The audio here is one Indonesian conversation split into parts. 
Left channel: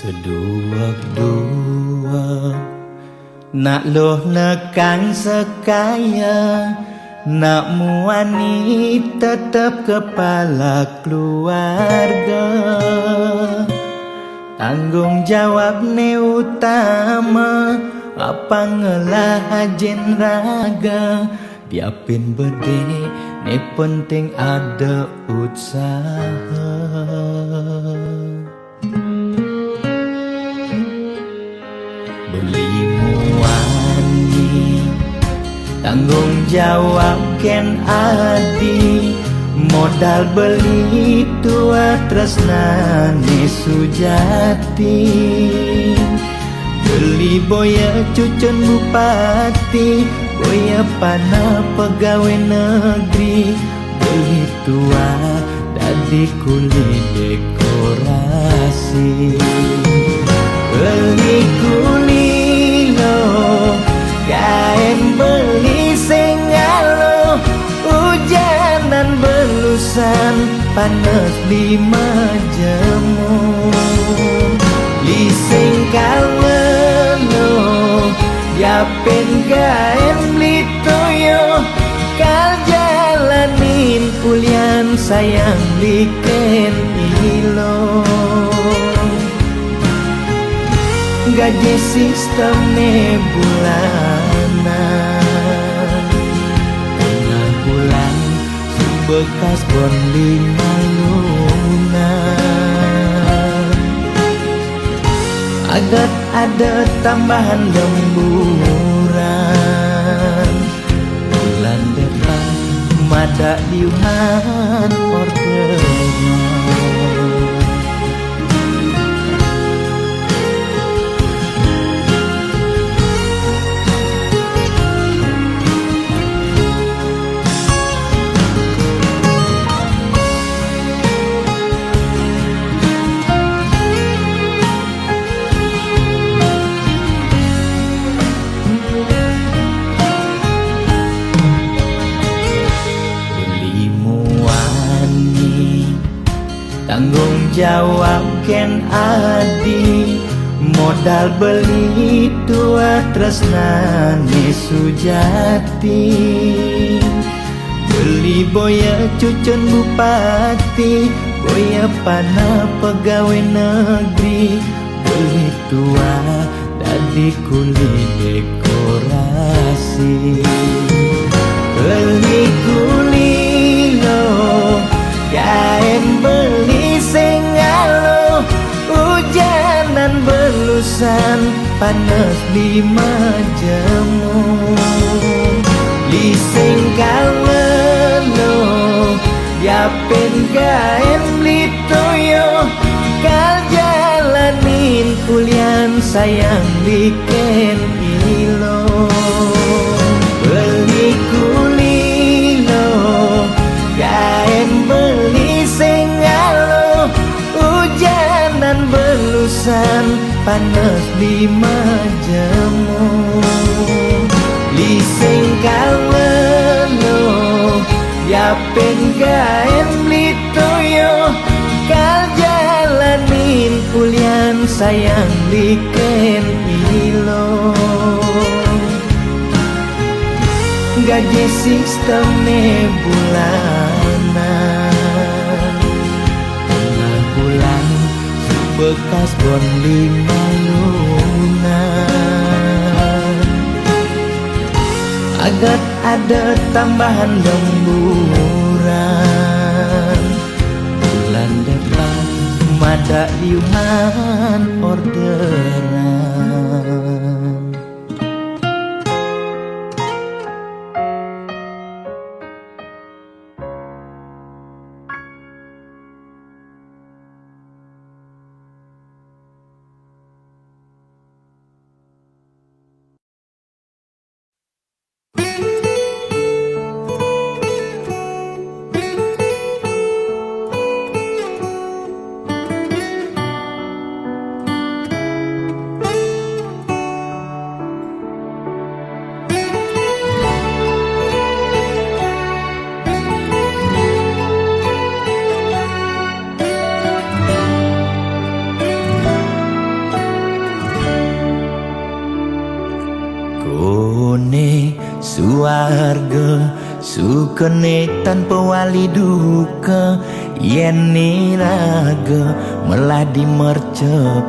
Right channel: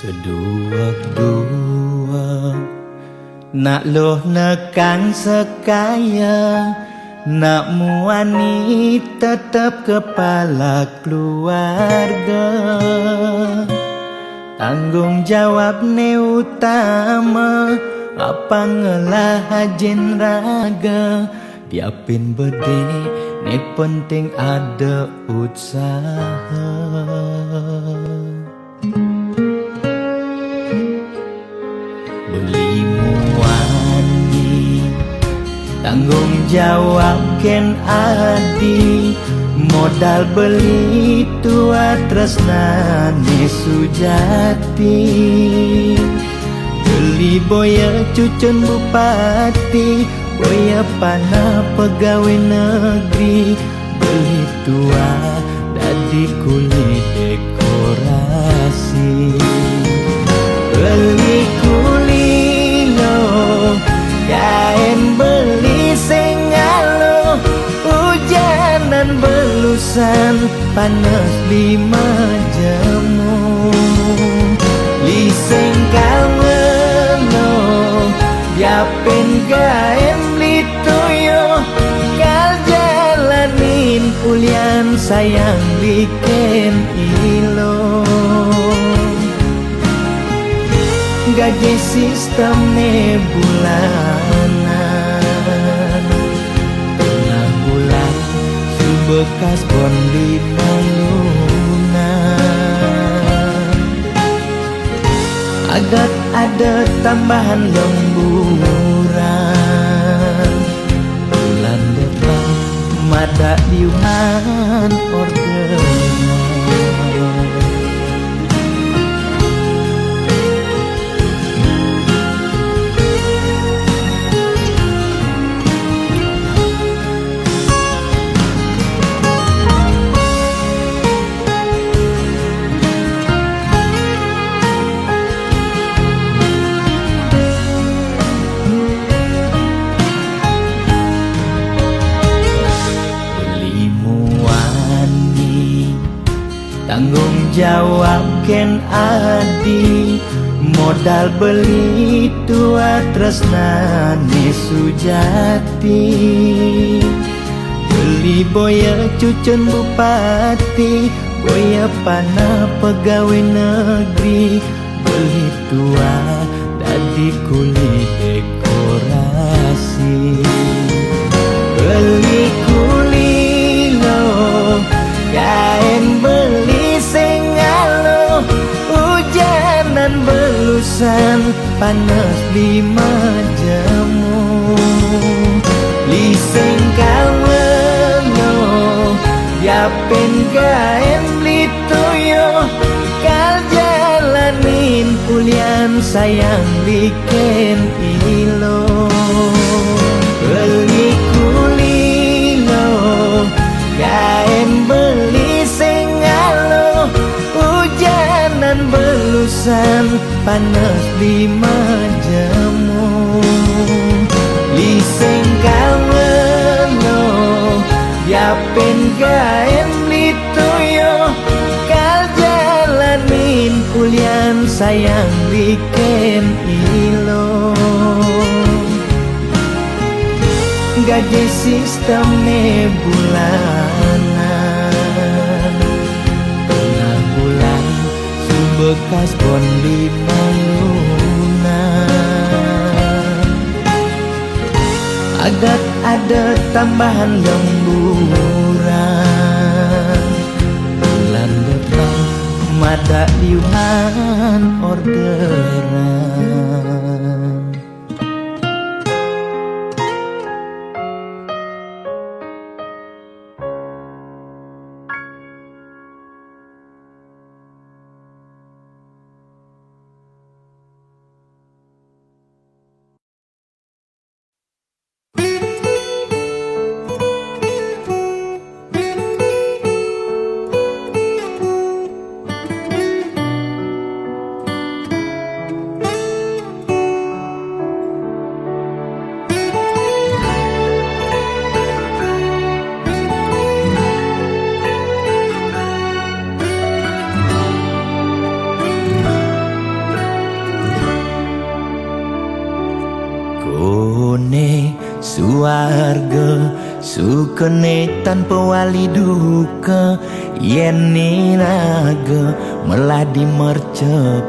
Seduak-duak nak loh nekan sekaya, nak muani tetap kepala keluarga. Tanggung jawab ne utama, apa ngelah hajen raga. Diapin bede ne penting ada usaha. Beli muani tanggung jawab ken adi, modal beli tua tresnane sujati. Beli boya cucun bupati, boya panah pegawai negeri. Beli tua dadi kuli dekorasi. Beli kuli lo, kain beli sengalo. Hujanan belusan, panas lima jemu. Liseng kawelo, diapin kain beli toyo. Kal jalanin ulian sayang liken ilo. Gaji sistemnya bulanan, tengah bulan subekas bon 5 lunan. Agat ada tambahan lemburan, bulan depan mada liuman orderan. Tanggung jawab ken adi, modal beli tua tresnane sujati. Beli boya cucun bupati, boya panah pegawai negeri. Beli tua dadi kuli dekorasi. Beli kuli lo, kain beli sengalo. Hujanan belusan, panas 5 jemu. Liseng kawelo, diapin kain beli toyo. Kal jalanin ulian sayang liken ilo. Beli kuli lo, kain beli sengalo. Hujanan belusan, panas 5 jemu. Liseng kawelo, diapin kain beli toyo. Kal jalanin ulian sayang liken ilo. Gaji sistemnya bulanan, tengah bulan subekas bon 5 lunan. Agat ada tambahan lemburan, bulan depan mada liuman orderan. suarga sukene tanpa wali duka yen niraga meladi mercepada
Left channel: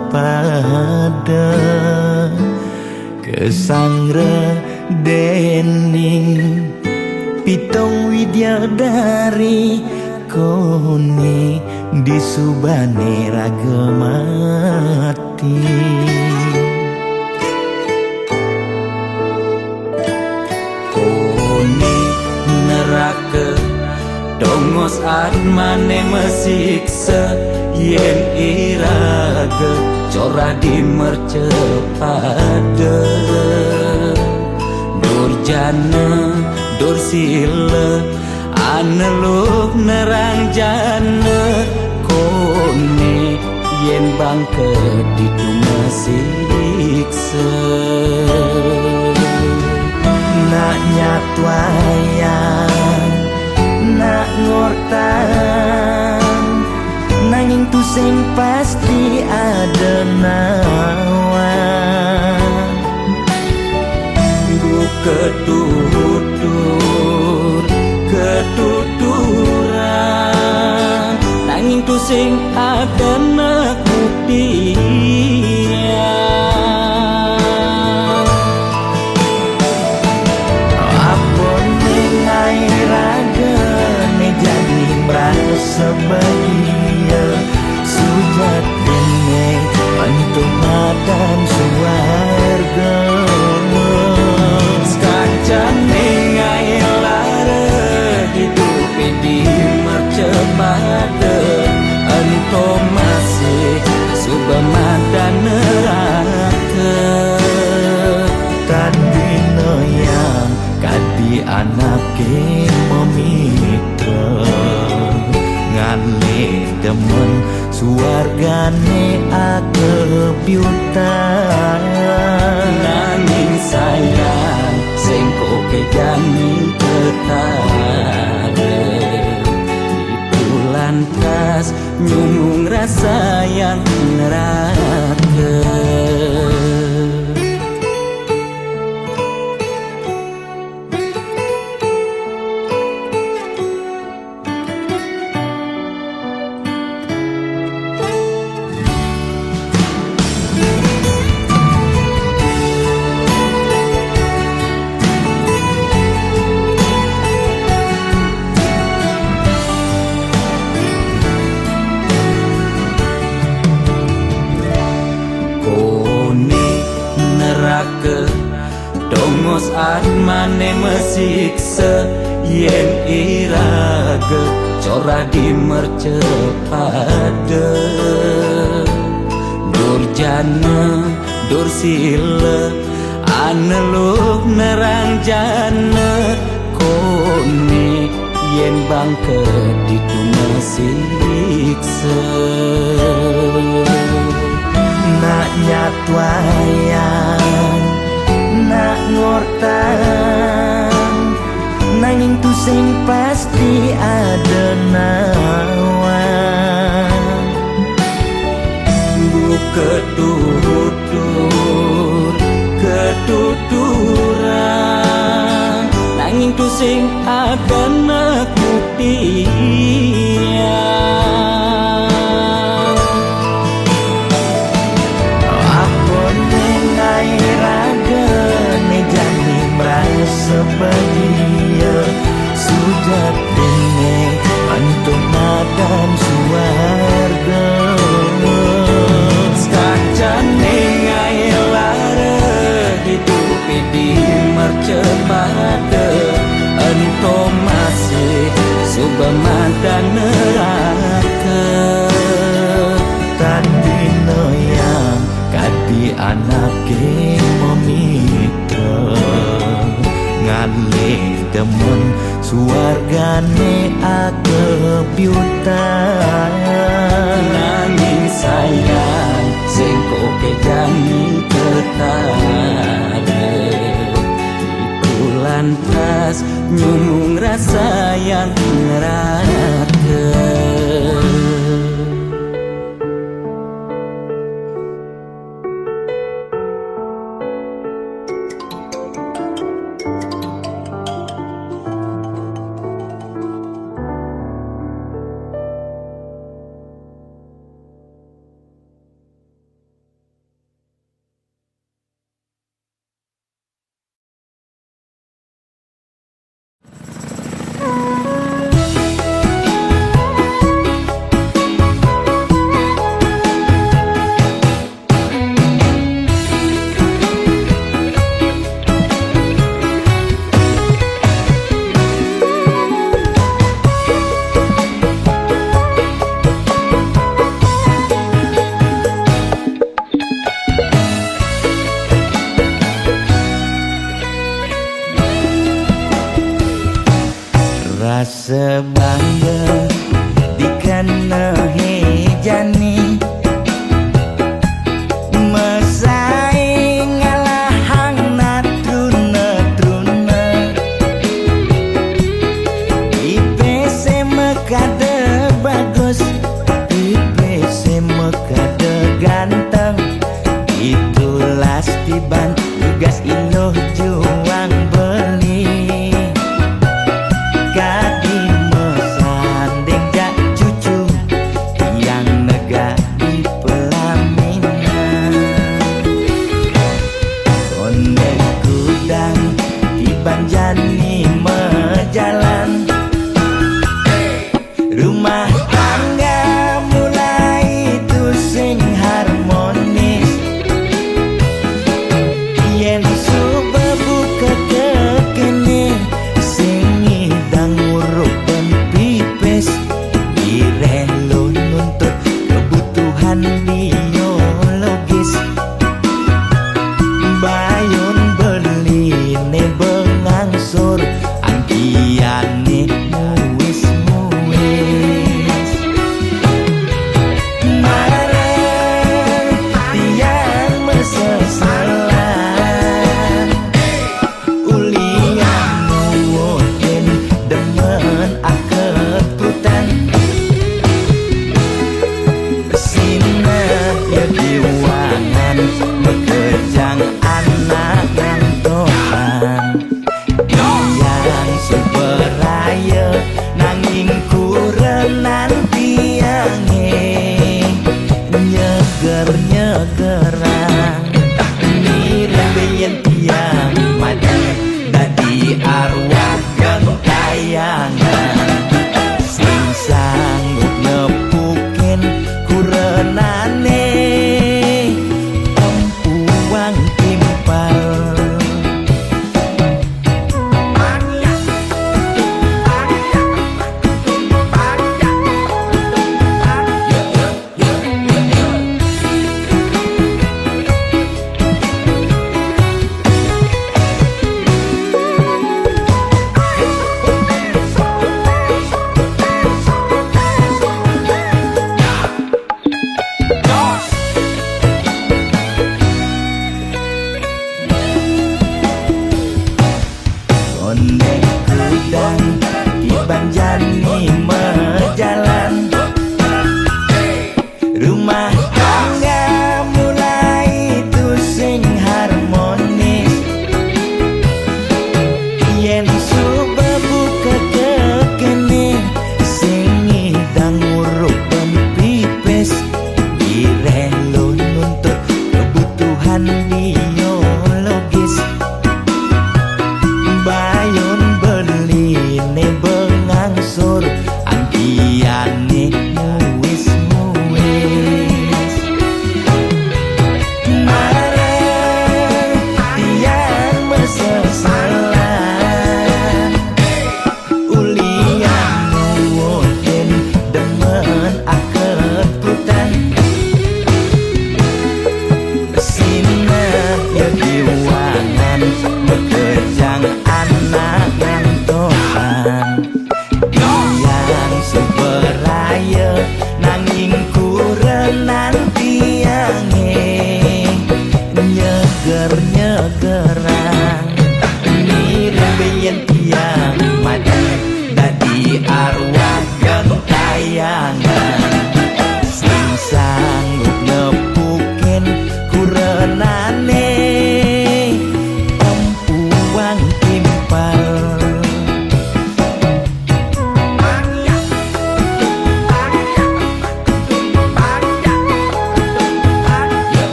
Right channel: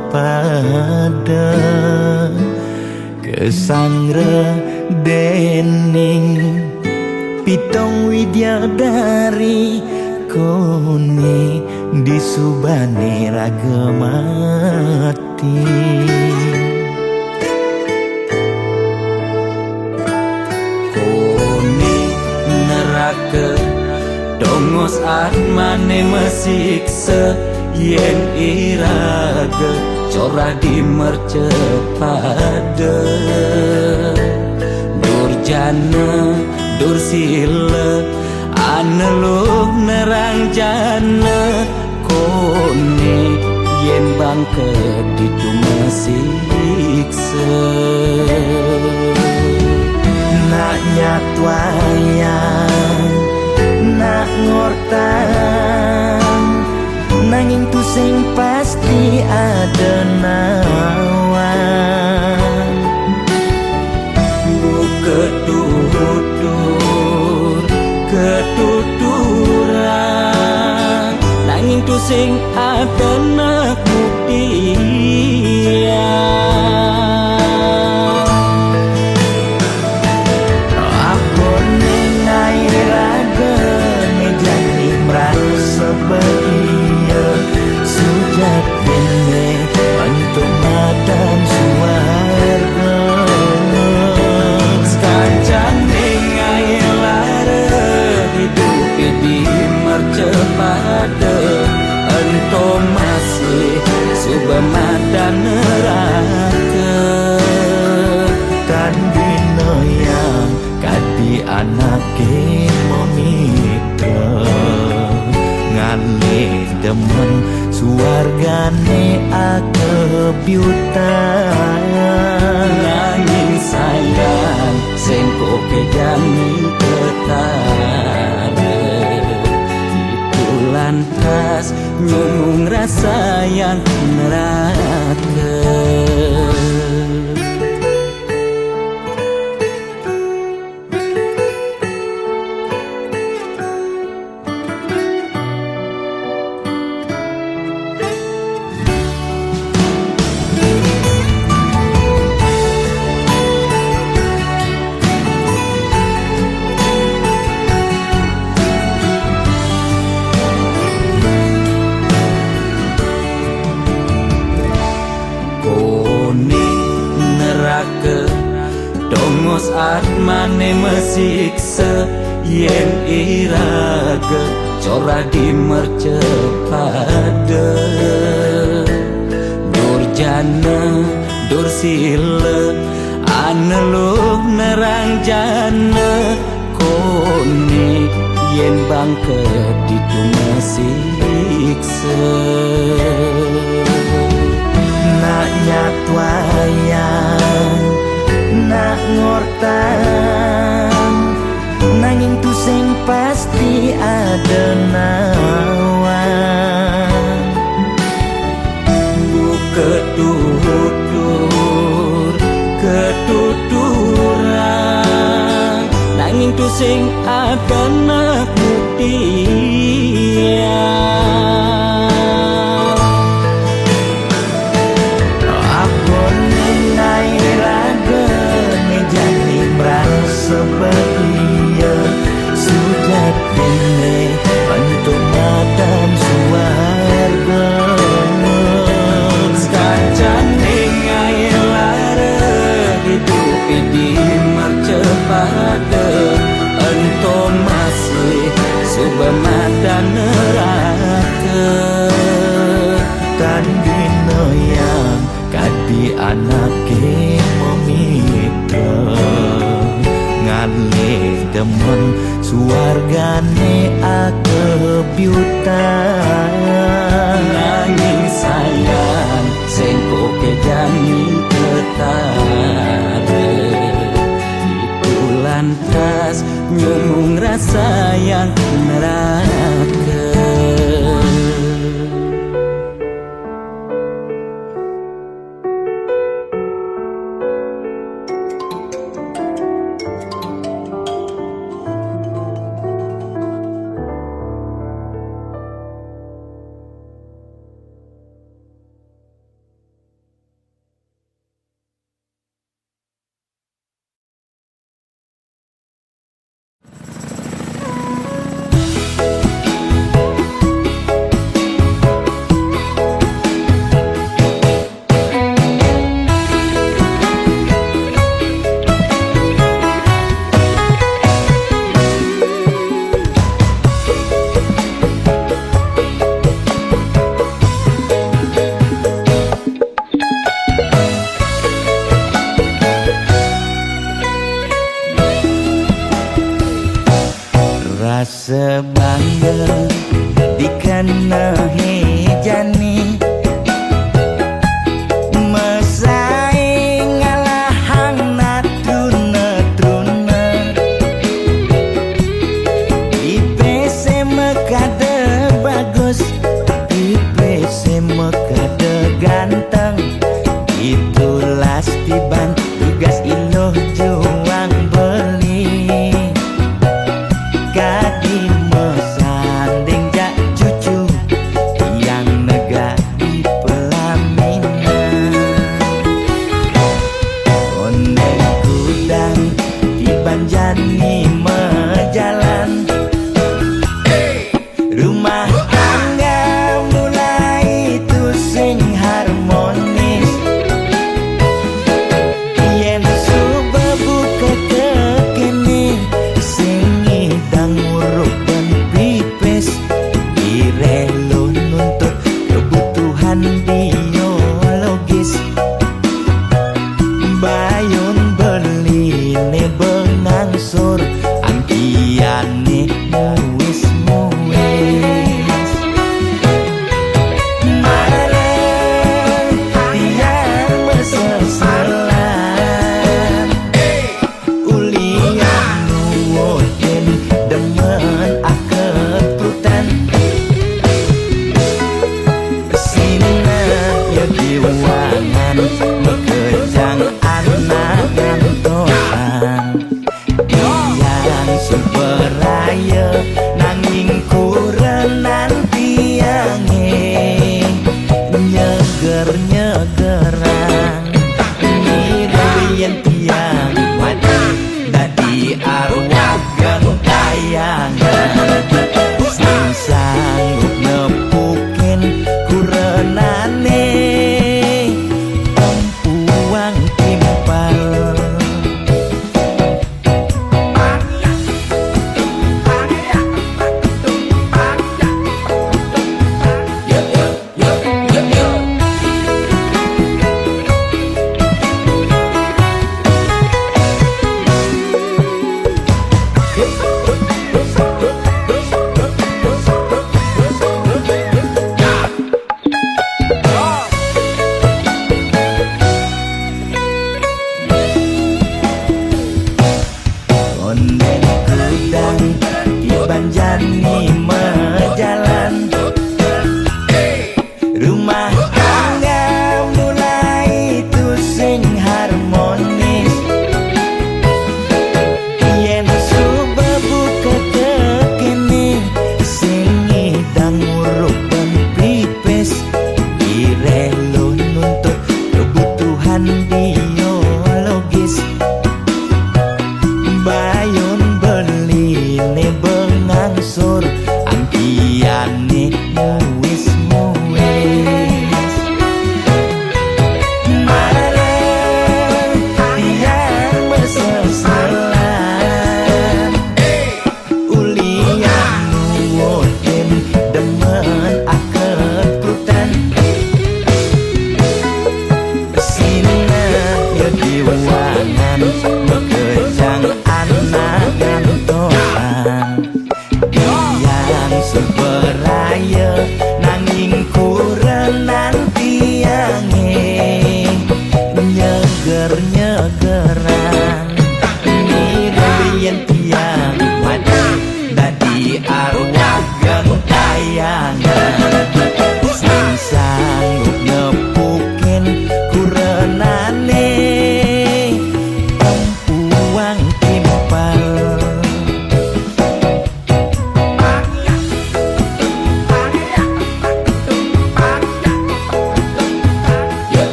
kesangra dening pitong widyadari kone disubane raga mati kone neraka dongos atmane mesiksa yen iraga corah di mercepada durjana dursila aneluh nerang jana kone yen bangke ditu mesiksa nak nyatwayang nak ngortang nanging tu sing pasti ada nawan bu ketuturan nanging tu sing ada nak buktian apa nengai raga ne jadi merasa bahagia sujatine antum madan suarga kancan nengai lara hidup di mercepada antum masih subamadan neraka tan bino yang kadi anake memitra ngale demen suargane akebyutan nanging sayang sengko kejami ketara itu lantas nyumung rasa yang neraka neraka dongos atmane mesiksa yen iraga corah di mercepada durjana dursila aneluh nerang jana kone yen bangke ditu mesiksa nak nyatwayang nak ngortang nanging tu sing pasti ada nawan bu ketuturan nanging tu sing ada nak buktian nengai raga ne jani merasa bahagia sujatine antum madan suarga kancan nengai lara hidup di mercepada antum masih subamadan neraka tan dino yang kadi anake memitra ngale demen suargane akebyutan nanging sayang sengko kejani ketara itu lantas nyumung rasa yang neraka sebangga dikena hejani mesaing ngalahang natruna IPC mekade bagus IPC mekade ganteng itulah tiban tugas iloh juang beli kadi mesanding jak cucu yang nega di pelaminan konde kudang di banjani mejalan rumah tangga mulai tusing harmonis yen subebu kekene sing ngidang ngurupen pipis direlo nuntut kebutuhan biologis bayon beli ne bengangsur angkiane muis mareng tiang meseselan ulian nuwutin demen akeprutan sina ya diwangan mekejang anak ngantosan yang superaya nanging kurenan tiange nyeger-nyegerang mirembeyen tiang mati dadi arwah gentayangan sing sanggup nepukin kurenane tempuang timpal konde kudang di banjani mejalan rumah tangga mulai tusing harmonis yen subebu kekene sing ngidang ngurupen pipis direlo nuntut kebutuhan biologis bayon beli ne bengangsur angkiane muis mareng tiang meseselan ulian nuwutin demen akeprutan sina ya diwangan mekejang anak ngantosan yang superaya nanging kurenan tiange nyeger-nyegerang mirembeyen tiang mati dadi arwah gentayangan sing sanggup nepukin kurenane tempuang timpal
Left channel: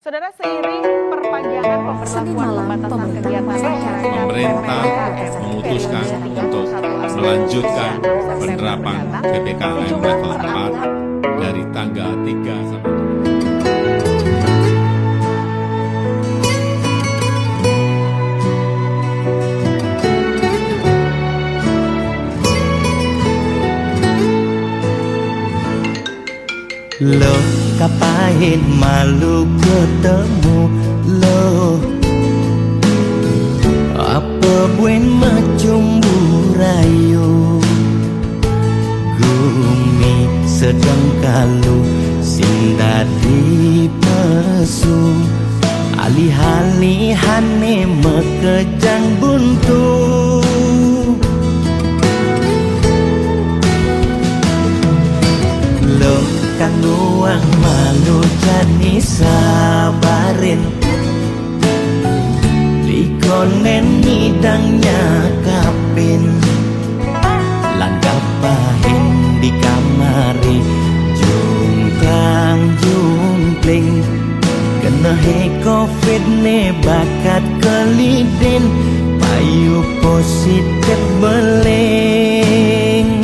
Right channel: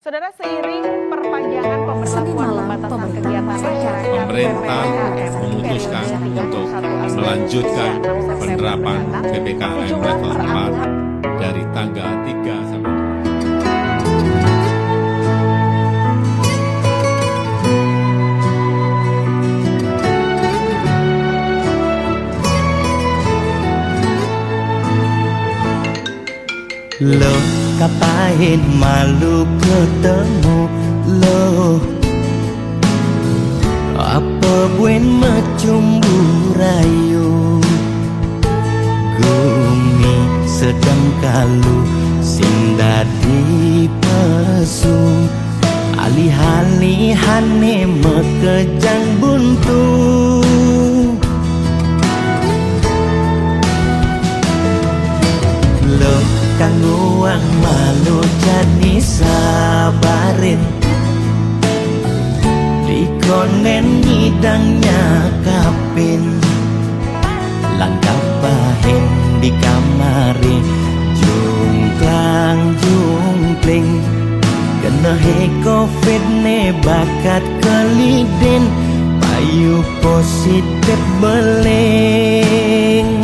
Saudara, seiring perpanjangan pemberlakuan pembatasan kegiatan masyarakat, pemerintah memutuskan untuk melanjutkan penerapan PPKM level 4 dari dari tanggal 3 sampai 7. Lo kapain malu ketemu lo, apa buen macumbu rayu, gumi sedang kalu sing dadi pesu, alih-alihane mekejang buntu. Lo kang luang malu jani sabarin, dikonen ngidangnya kapin, langkah pahin di kamari, jungklang jungkling, kena he covid ne bakat kelidin, payu positif beling.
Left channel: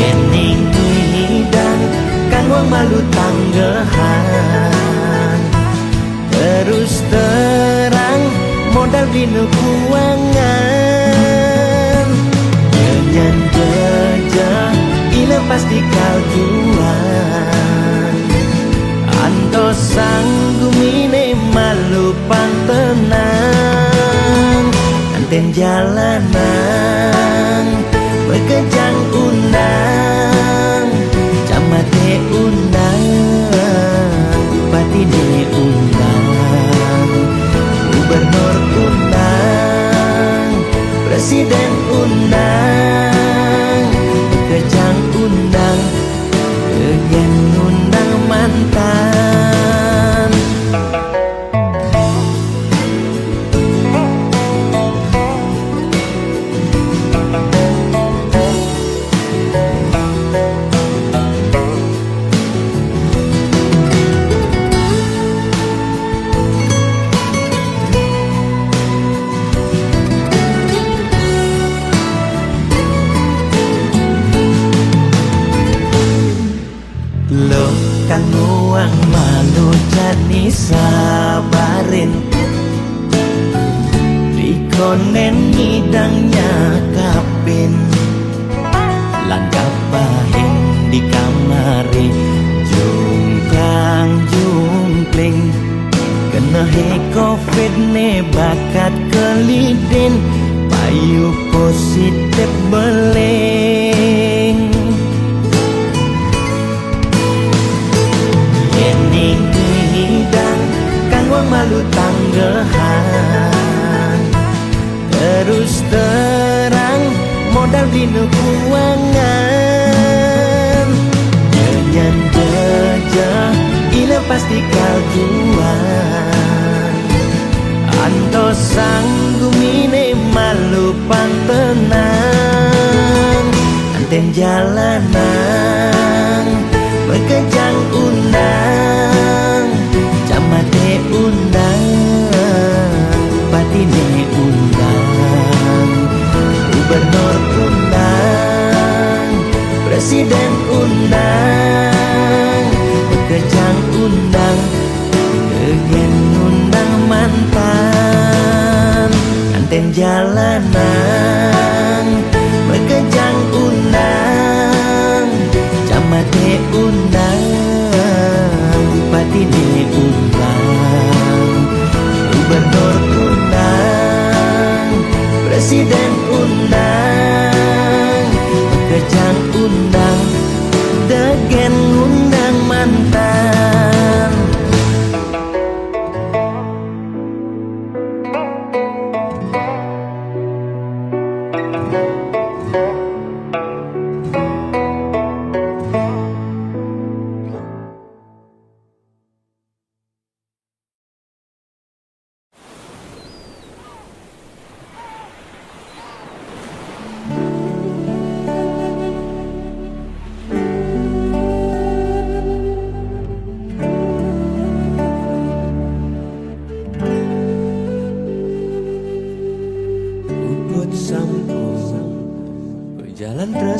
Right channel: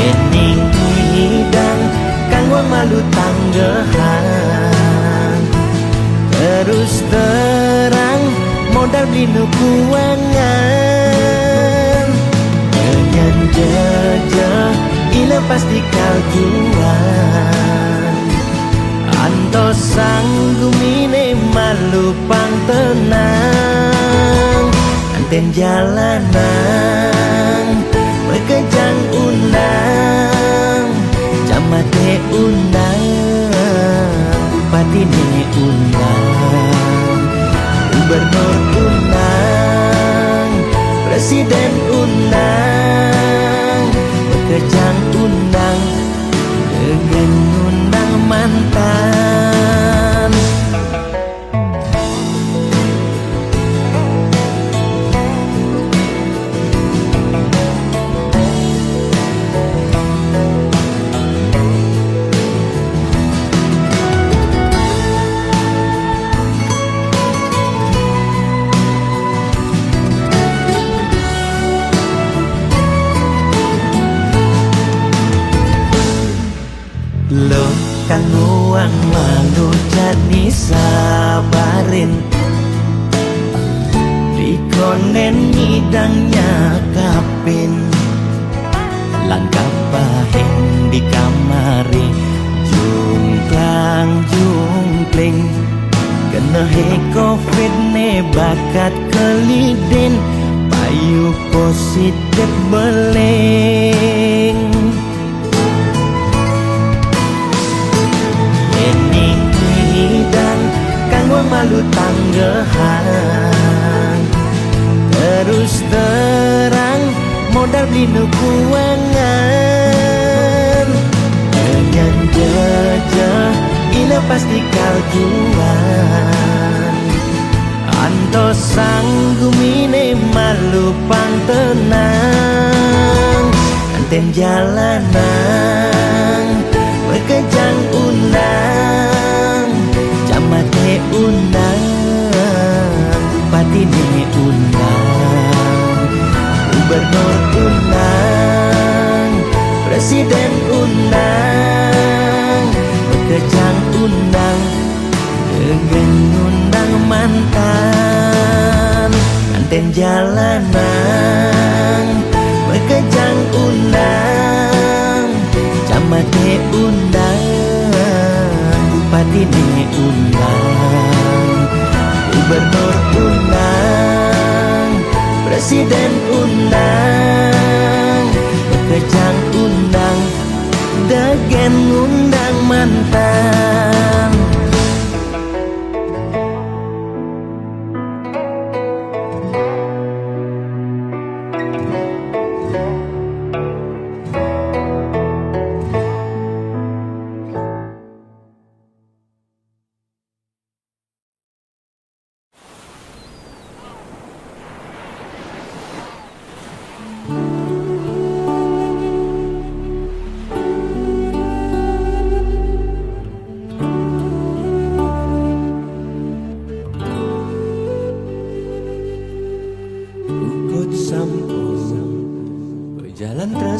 Yening hidang kang wang malu tanggehan, terus terang modal beli kuangan, kenyan jejah ila pasti kaljuan, anto sanggumine malu pang tenang, anten jalanan bekejang undang, camate undang, bupatine undang, gubernur undang, presiden undang, bekejang undang, kegen undang mantan. Lo kang luang malu jani sabarin, dikonen ngidangnya kapin, langkah pahin di kamari, jungklang jungkling, kena he covid ne bakat kelidin, payu positif beling. Yening hidang kang wang malu tanggehan, terus terang modal beli kuangan, kenyan jejah ila pasti kaljuan, anto sanggumine malu pang tenang, anten jalanan bekejang undang, camate undang, bupatine undang, gubernur undang, presiden undang, bekejang undang, kegen undang mantan, anten jalanan bekejang undang, camate undang, bupatine undang, gubernur undang, presiden undang, bekejang undang, degen undang mantan.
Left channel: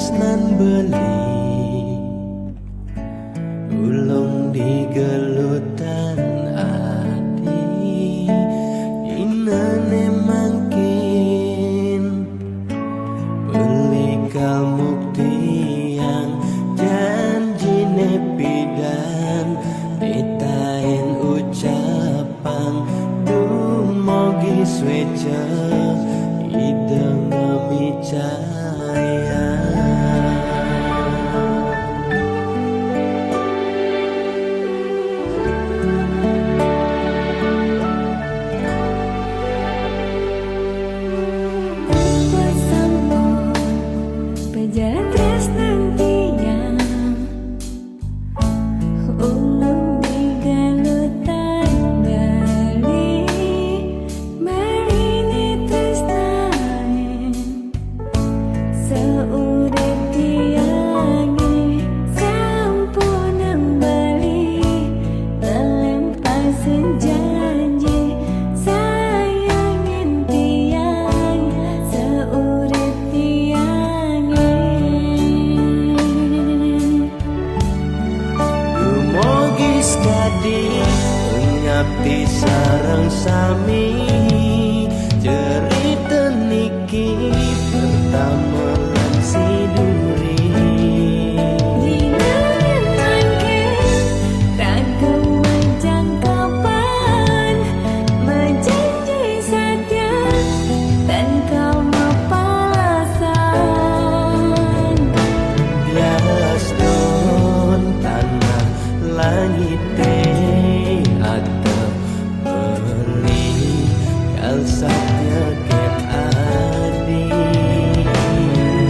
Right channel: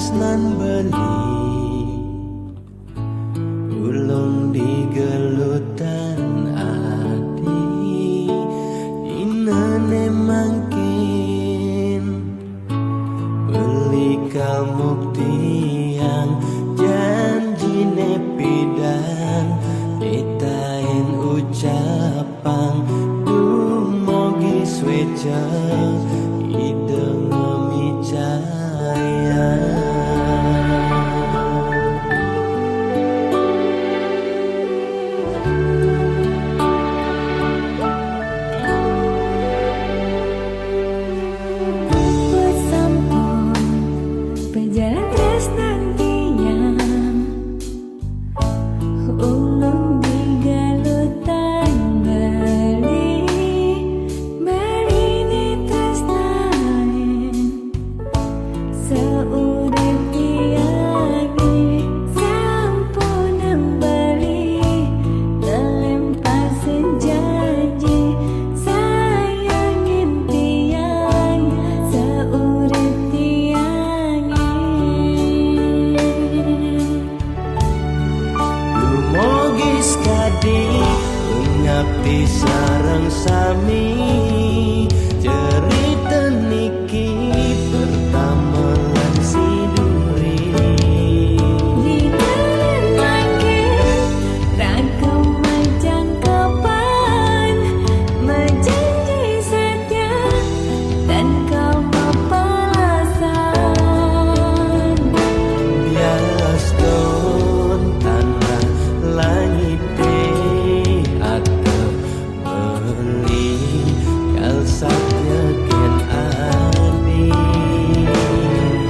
tresnan beli ulung digelutan adi inane mangkin beli kalmukti yang janjine pidan ditain ucapan dumogi sweca ide ngemicaya buat sampun berjalan tresnan tiang ulung digalutan bali marine tresnaen saurip tiange sampun bali telempasin janji sayangin tiang saurip tiange dumogi skadi ngabdi sareng sami cerita niki pertama lan siduri Ginanan mangkin ragam majang kapan menjanji setia dan kau mapalasan biaston tanah langit atap beli kal satya ken adi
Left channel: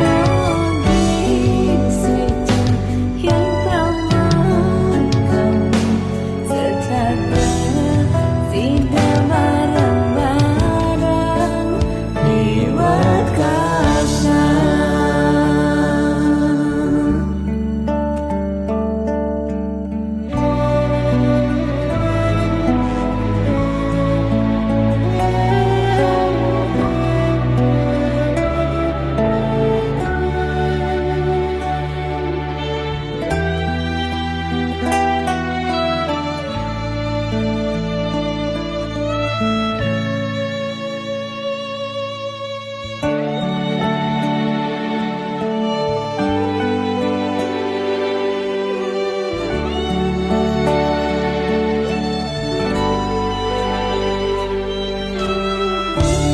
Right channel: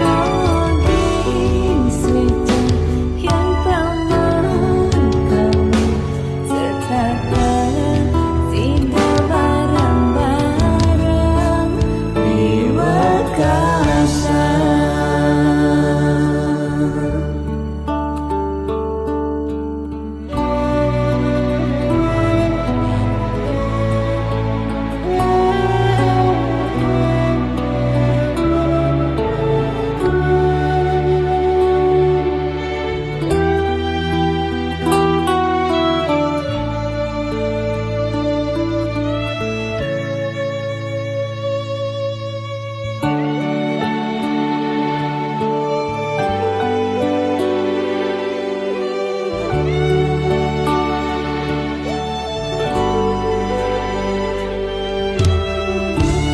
mogi swecah yang paman kawin setaka sida barang-barang di wakasan.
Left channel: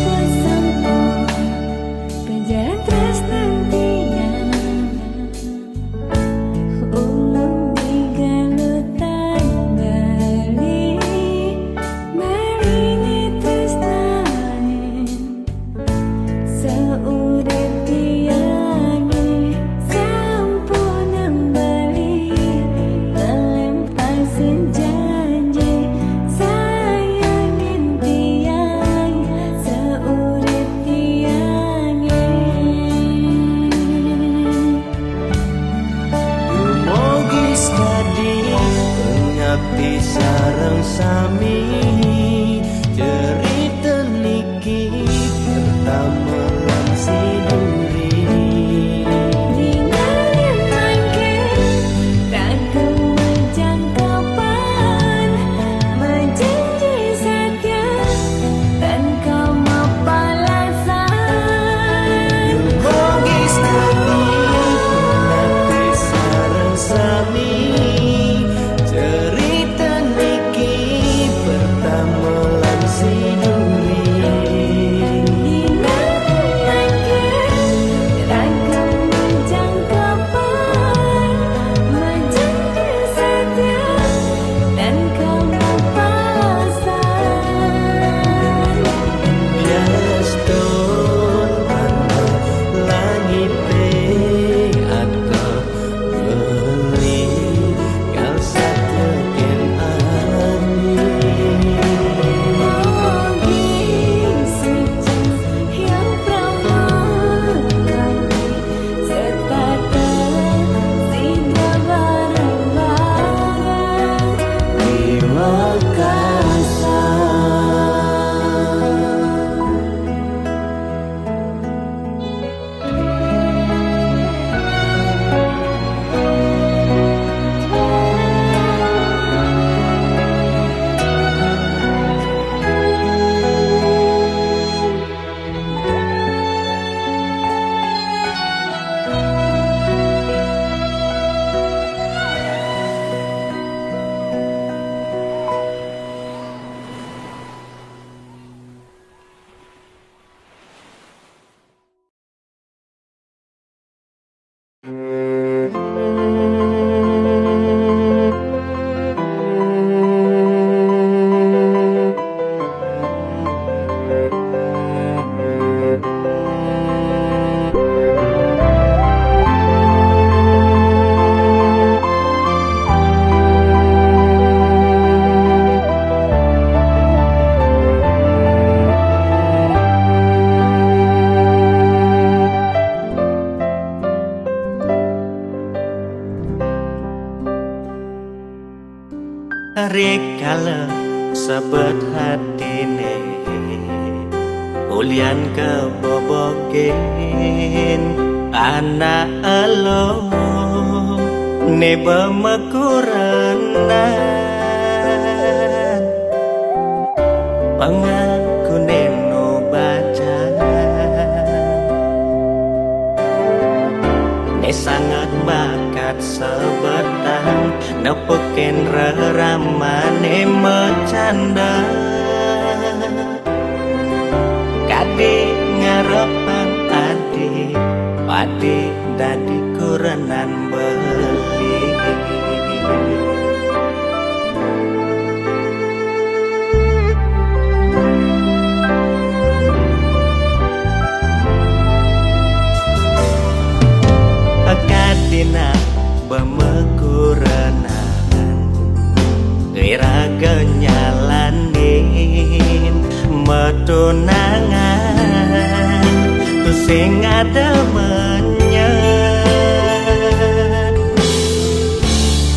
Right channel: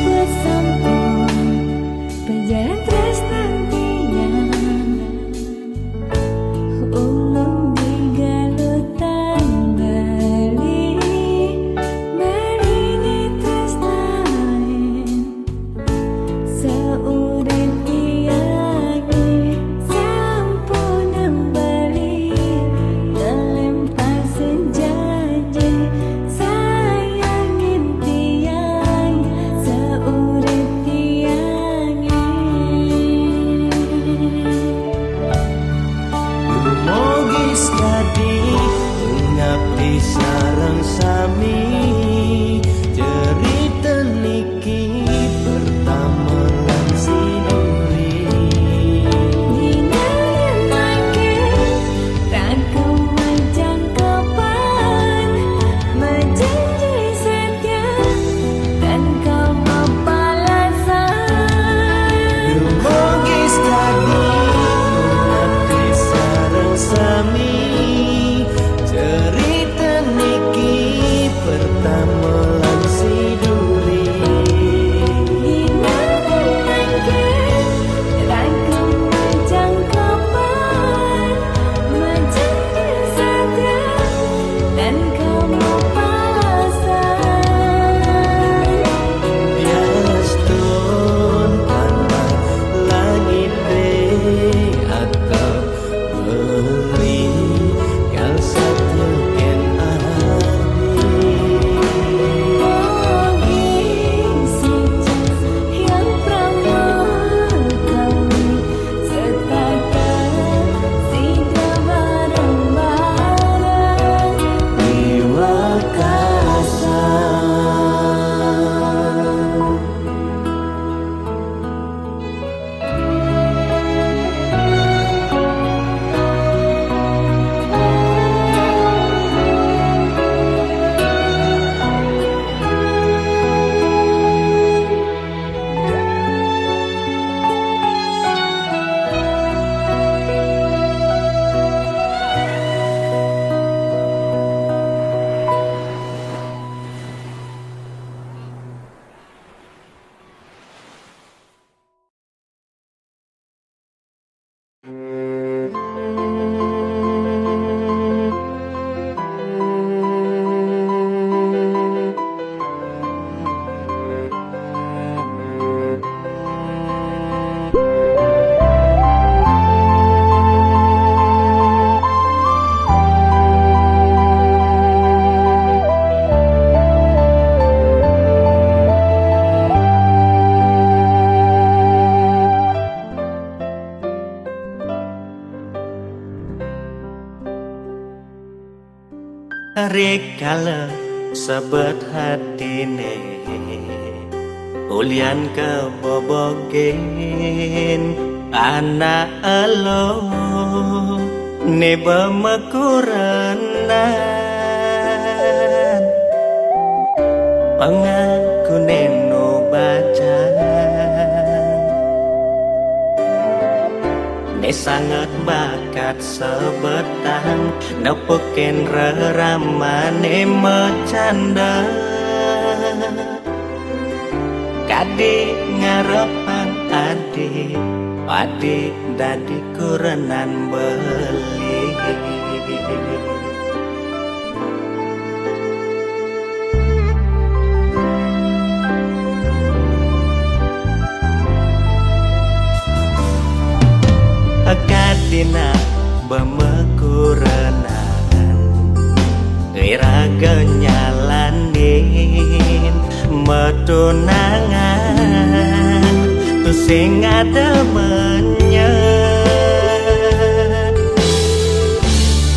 buat sampun berjalan tresnan tiang ulung digalutan bali marine tresnaen saurip tiange sampun bali telempasin janji sayangin tiang saurip tiange Dumogi skadi ngabdi sareng sami cerita niki pertama lan siduri Ginanan mangkin ragam majang kapan menjanji setia dan kau mapalasan Dumogi skadi ngabdi sareng sami cerita niki pertama lan siduri Ginanan mangkin ragam majang kapan menjanji setia dan kau mapalasan biaston tanah langit atap beli kal satya ken adi Rikala sebet hatine ulian kebobogen anak elo neba makuranan pangaku neno baca ne sangat bakat sebetang nepukin reramane mecanda kadi ngarepang adi padi dadi kurenan beli kadina bemekurenan iraga nyalanin metunangan tu sing ada menyet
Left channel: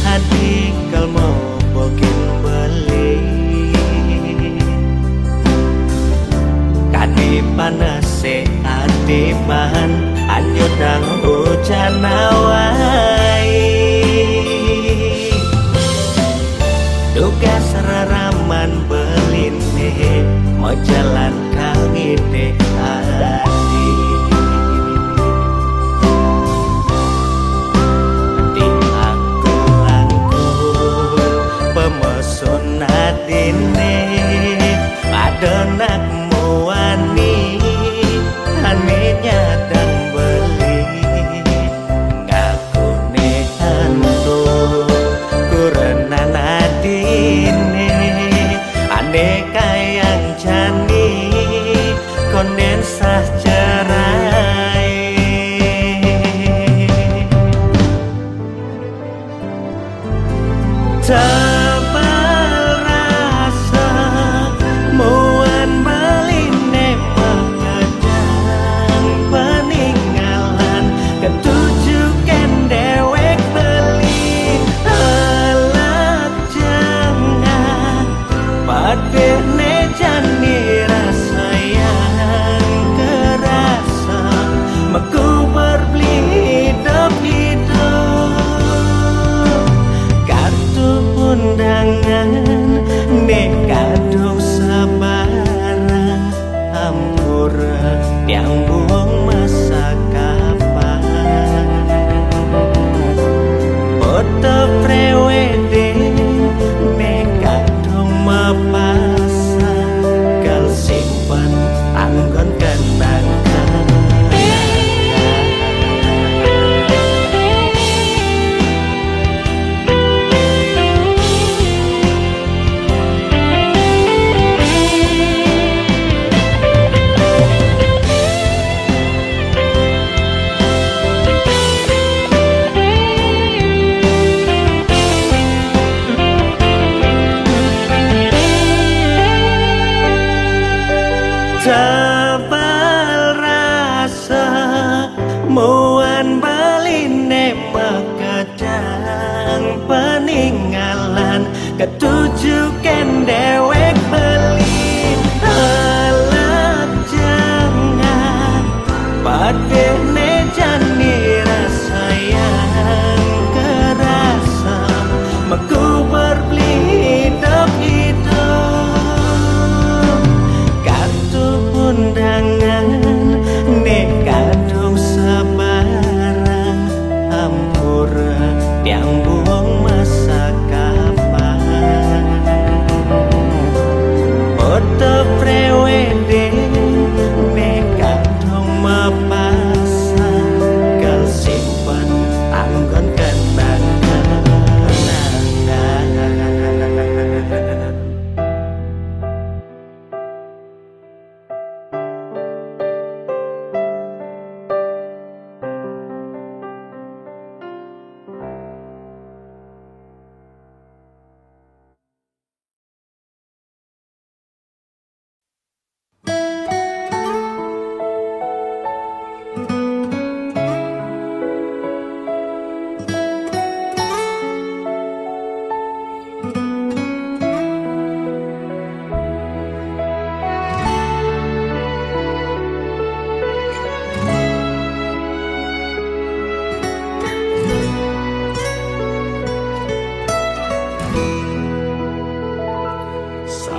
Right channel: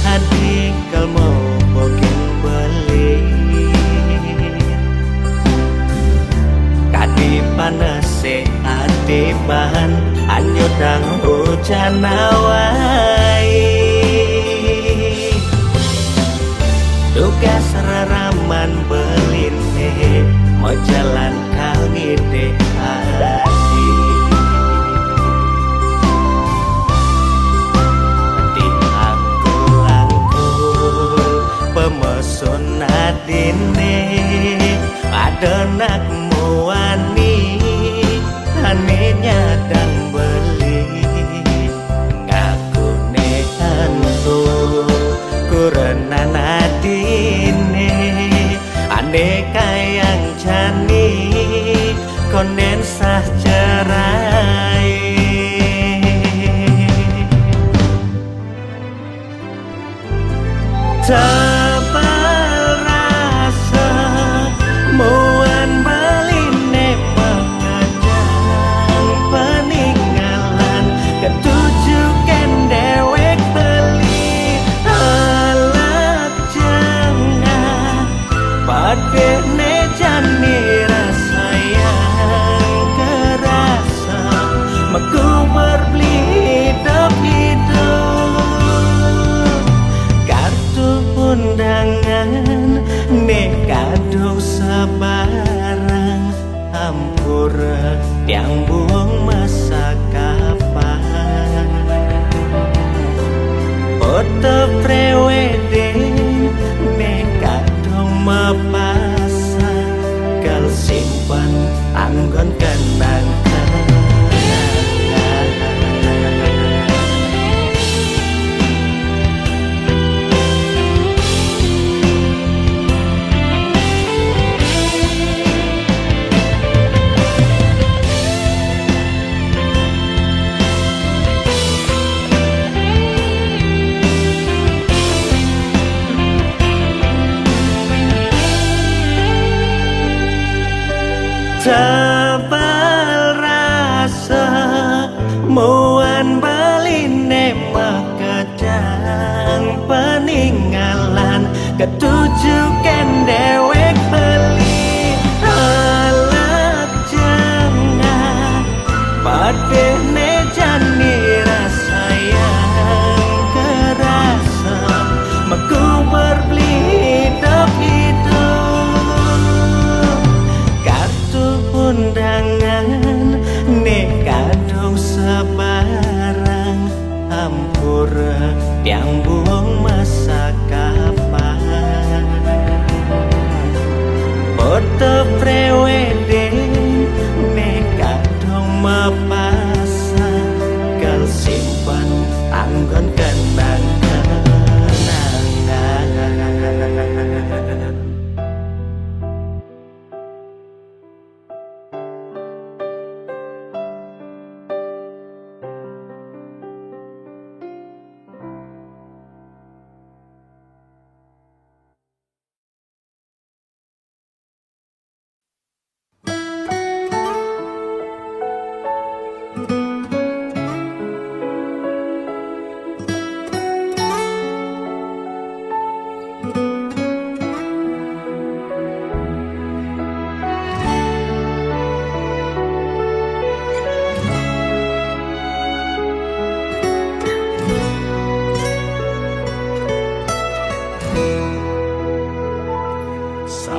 hadi kalmo bokin beli kadi panase adiban anyudang hujan awai duga seraraman beline mau jalan kau ngide hati di angkul pemesun adine ada nakmu wani ane nyadang beli ngaku nehantu kurenan adine ane kayang jani konen sah cerai tebal rasa muan beline pengejang peninggalan ketujukan dewek beli halak jengah pada nejani rasa yang kerasa meku berbeli hidup kartu undangan nekadung sebarang hampura yang buang masa kapan foto prewedding nekadung mapasang kal simpan anggon kenang tebal rasa muan beline makadang peninggalan ketujukan dewek beli halak jengah pada nejani rasa yang kerasa meku berbeli hidup kartu undangan nekadung sebarang hampura yang buang masa kapan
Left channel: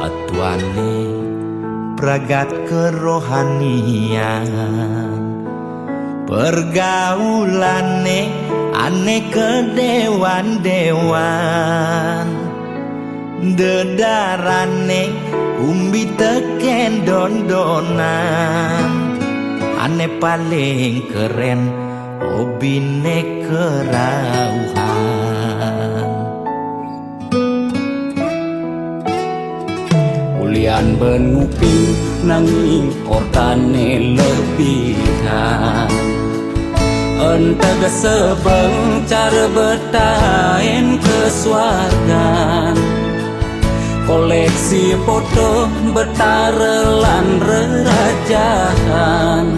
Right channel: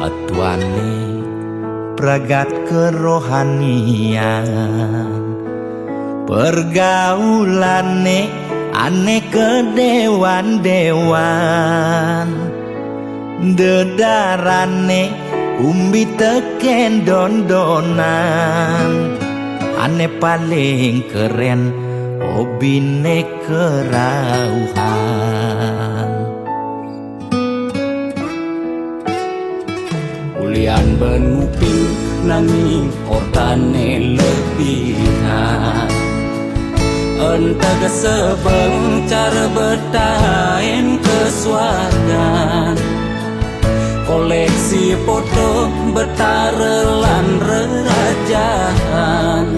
satuane pragat kerohanian, pergaulane aneh kedewan-dewan, dedarane umbi teken dondonan, aneh paling keren hobine kerauhan. Ulian benguping nanging ortane lebihan, entega sebeng cara betain kesuargan, koleksi foto betarelan rerajahan,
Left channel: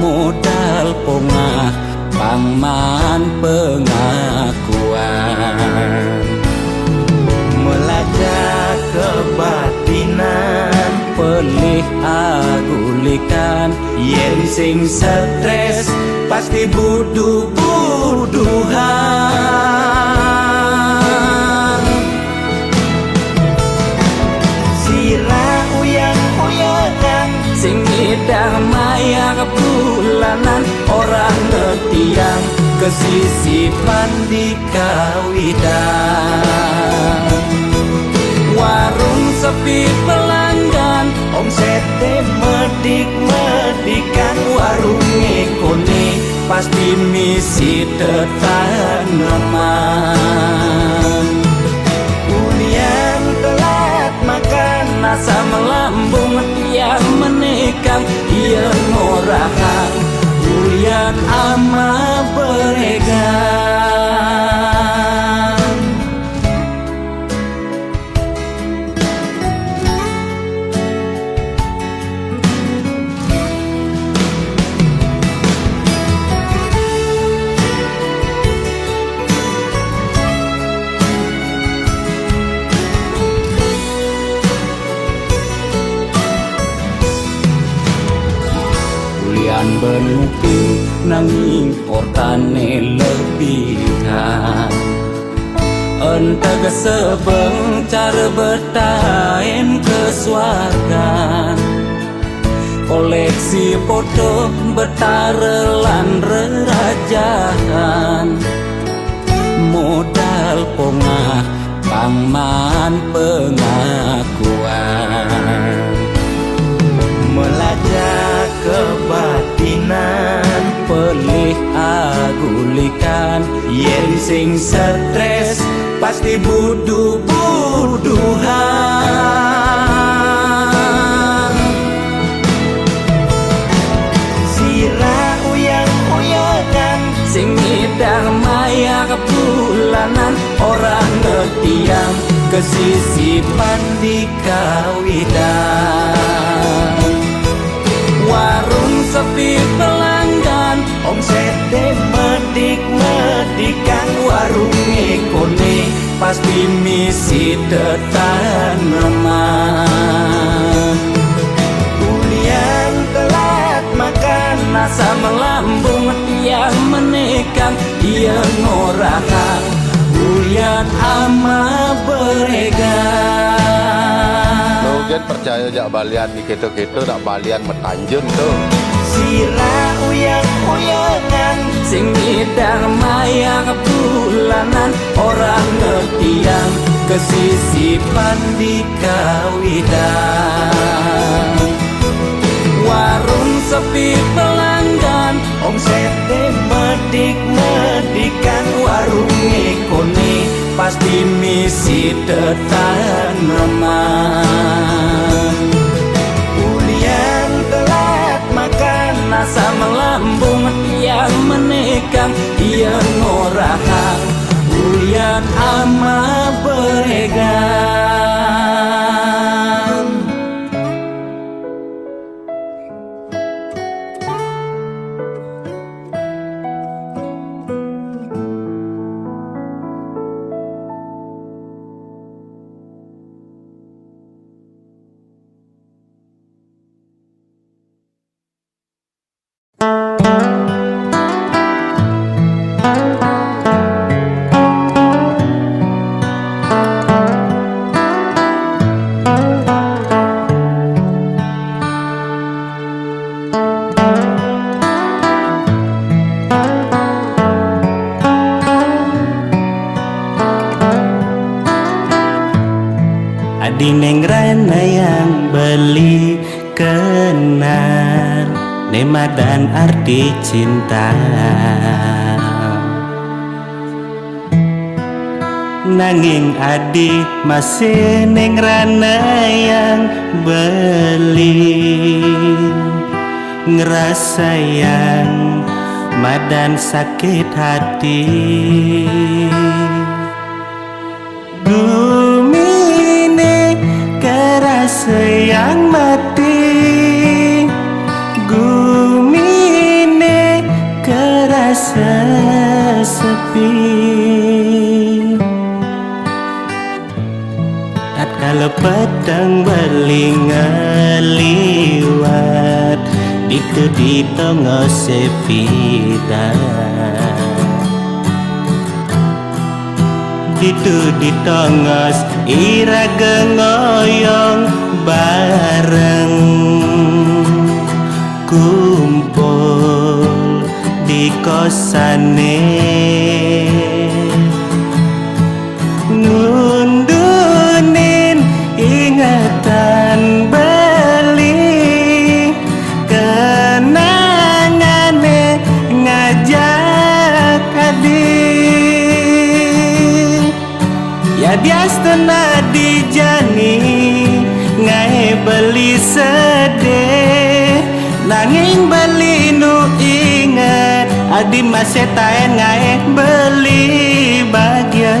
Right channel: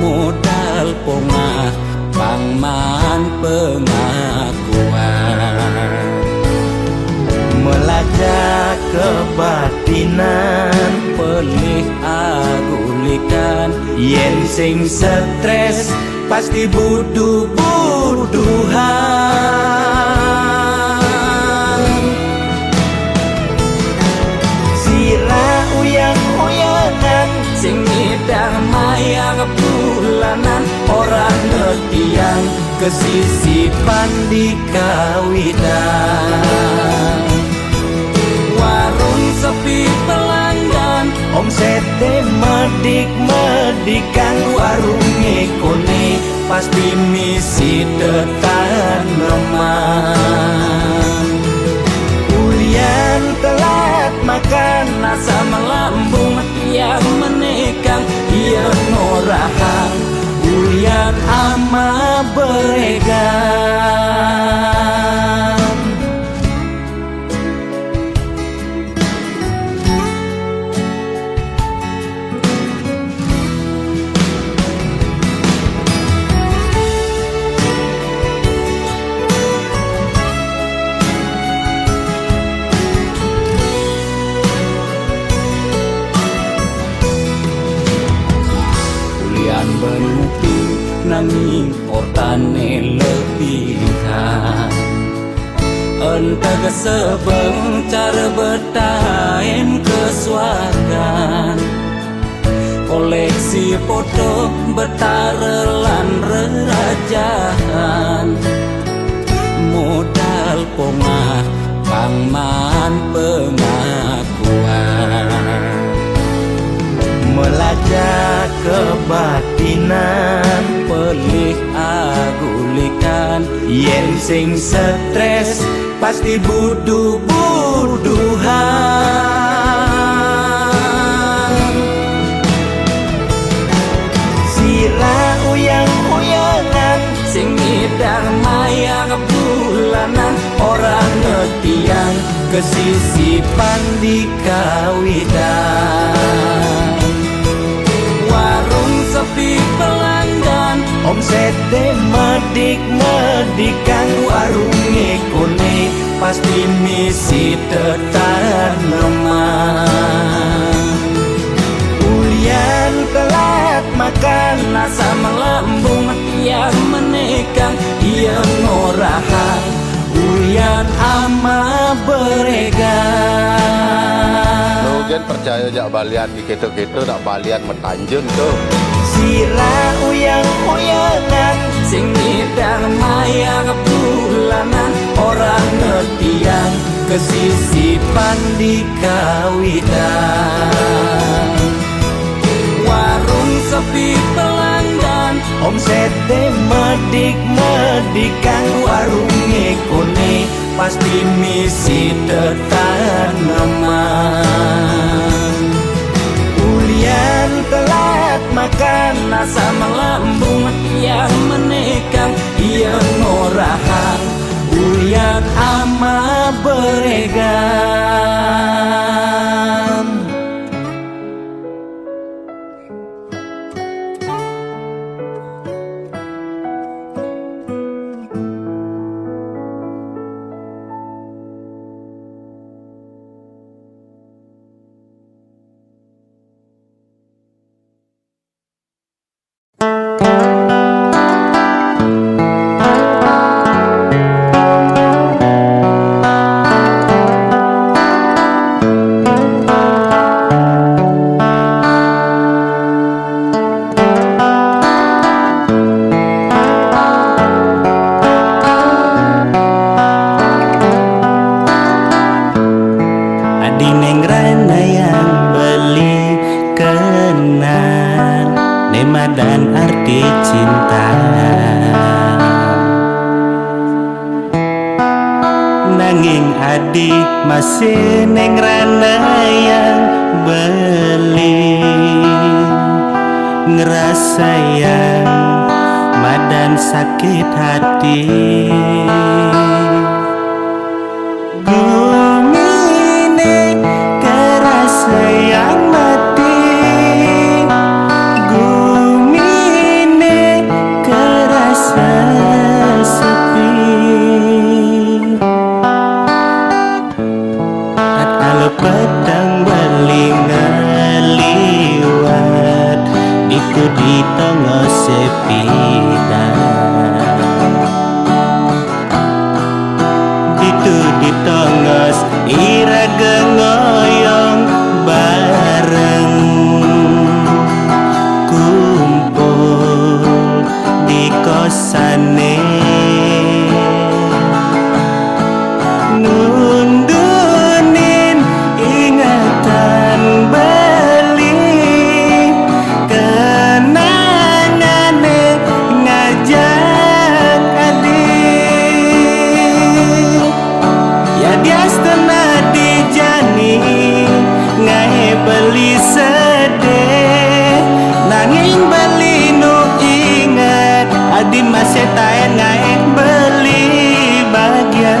modal pongah pangman pengakuan, melajak kebatinan, pelih agulikan, yen sing stres pasti buduh-buduhan. Sira uyang-uyangan, sing ngidang maya bulanan, orang ngetiang kesisipan di kawitan. warung sepi pelanggan, Omsete medik-medikan, warung ekone pasti misi tetaneman. Ulian telat makan, nasa melambung tiang menekang, ia ngorahang ulian ama beregan. Ulian benguping nanging ortane lebihan, entega sebeng cara betain kesuargan, koleksi foto betarelan rerajahan, modal pongah pangman pengakuan, melajak kebatinan, pelih agulikan, yen sing stres pasti buduh-buduhan. Sira uyang-uyangan, sing ngidang maya bulanan, orang ngetiang kesisipan di kawitan. warung sepi pelanggan, Omsete medik-medikan, warung ekone pasti misi tetaneman. Ulian telat makan, nasa melambung tiang menekang, ia ngorahang ulian ama beregan. Mungkin percaya jak balian di gitu-gitu tak balian metanjun tuh. Sira uyang-uyangan, sing ngidang maya bulanan, orang ngetiang kesisipan di kawitan. warung sepi pelanggan, Omsete medik-medikan, warung ekone pasti misi tetaneman. Ulian telat makan, nasa melambung tiang menekang, ia ngorahang ulian ama beregan. Adi neng rana yang beli kenal nema dan arti cinta. Nanging adi masih neng rana yang beli ngerasa yang madan sakit hati. Gumine kerasa yang mati, gumine kerasa sepi. Tatkala petang berlingaliwat itu di tengah sepi itu di tengah iraga ngoyong bareng kumpul di kosane nundunin ingatan beli kenangane ngajak adik ya diastana dijani ngae beli sedih nanging beli nu ingat adi masih taen ngae beli bahagia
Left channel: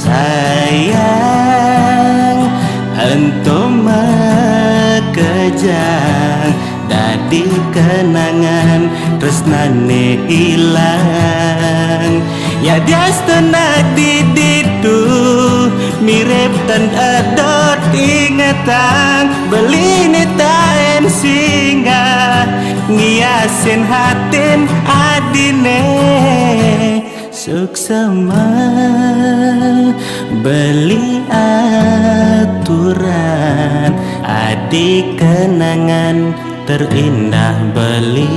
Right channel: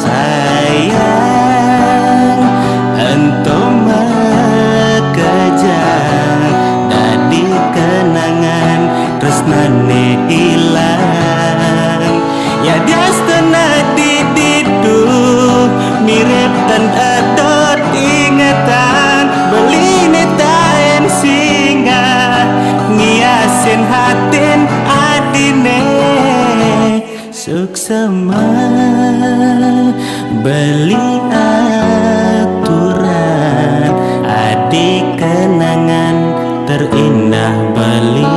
sayang entum kejang dadi kenangan tresnane ilang ya diastana diditu mirip dan adot ingatan beli taen singa ngiasin hatin adine suksema beli aturan adik kenangan terindah beli.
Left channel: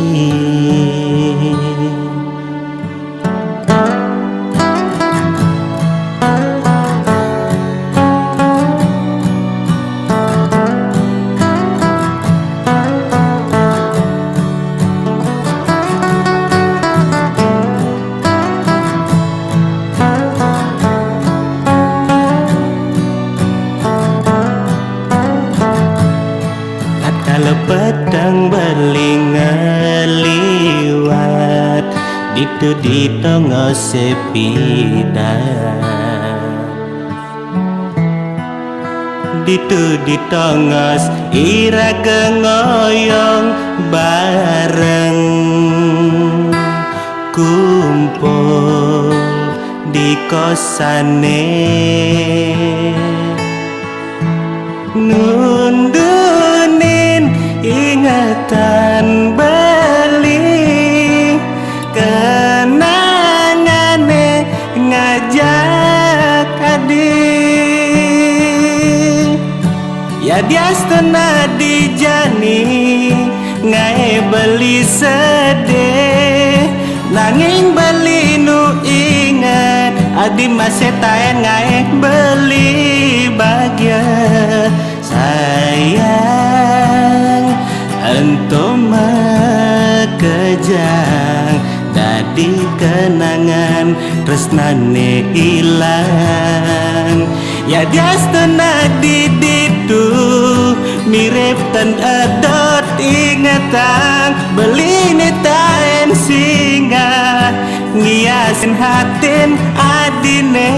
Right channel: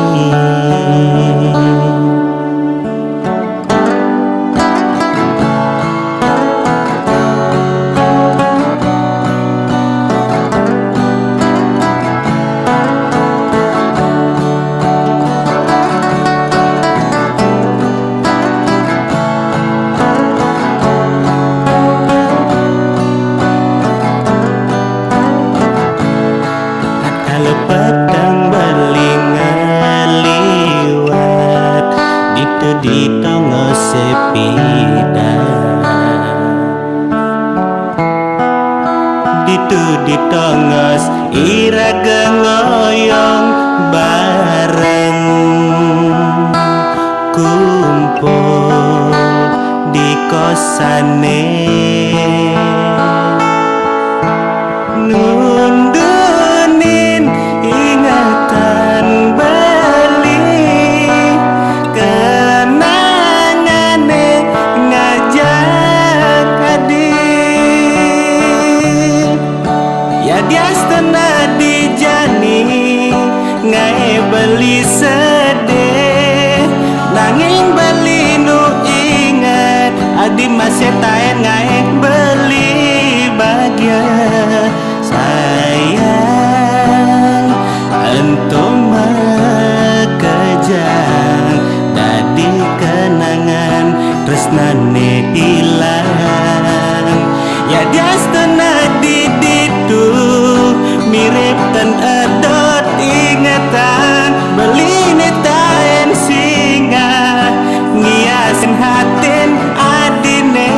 Kalau petang berlingaliwat itu di tengah sepi itu di tengah iraga ngoyong bareng kumpul di kosane nundunin ingatan beli kenangane ngajak adik ya diastana dijani ngae beli sedih nanging beli nu ingat adi masih taen ngae beli bahagia sayang entum kejang dadi kenangan tresnane ilang ya diastana diditu mirip dan adot ingatan beli taen singa ngiasin hatin adine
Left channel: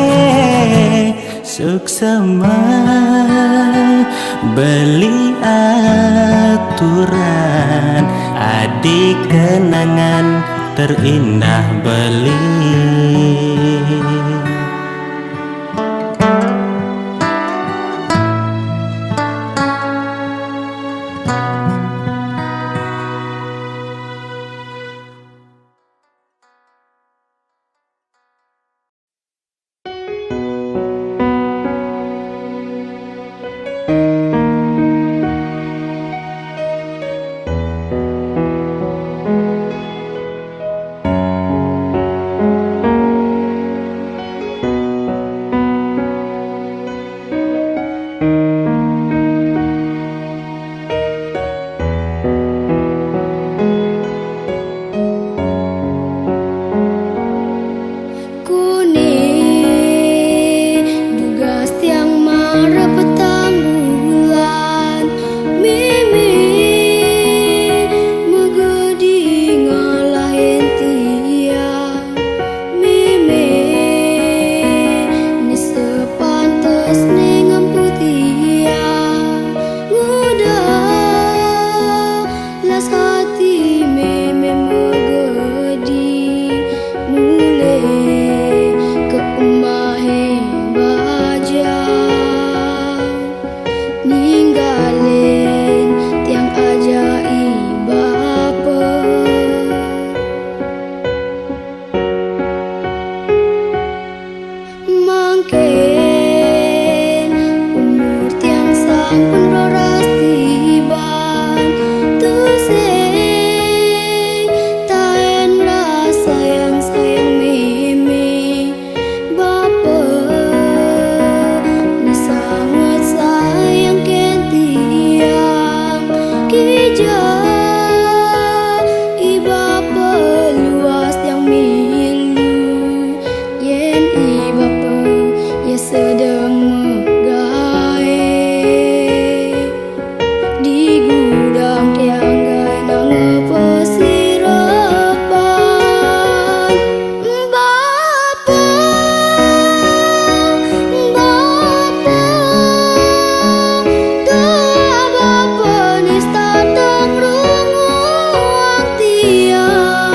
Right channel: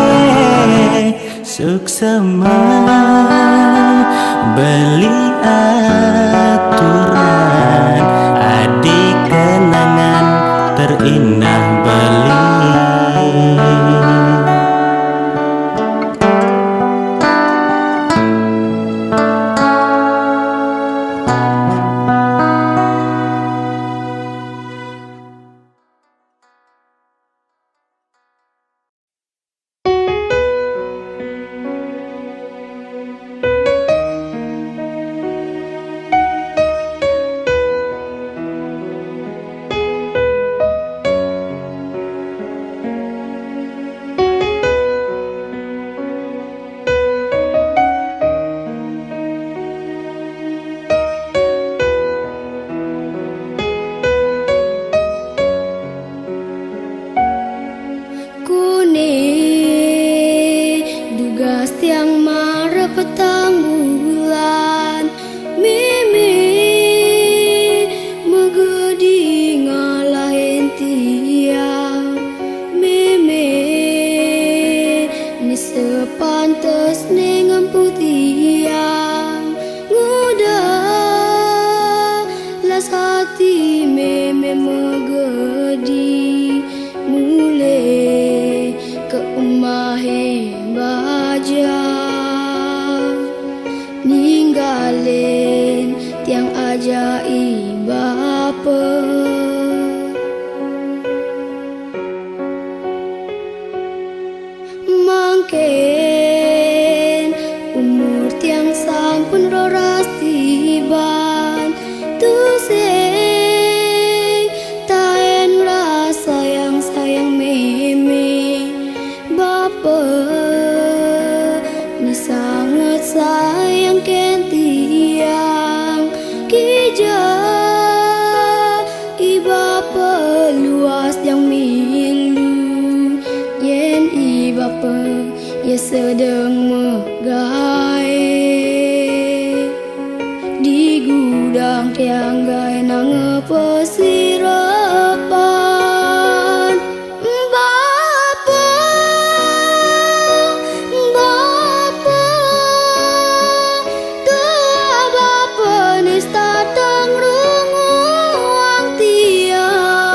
suksema beli aturan adik kenangan terindah beli. pantes nengam tiang nguda las hati meme megedi mule ke umahe baja ninggalin tiang ajaib bapa mangken umur tiang sampun roras tiban tu sing taen rasa yang sayang meme bapa ni sangat sayang ken tiang kija ibapa luas yang milu yen ibapa ya sedang megae di gudang tiang gai nang pesirapan bapa bapa tua bapa nista tang runguang tiang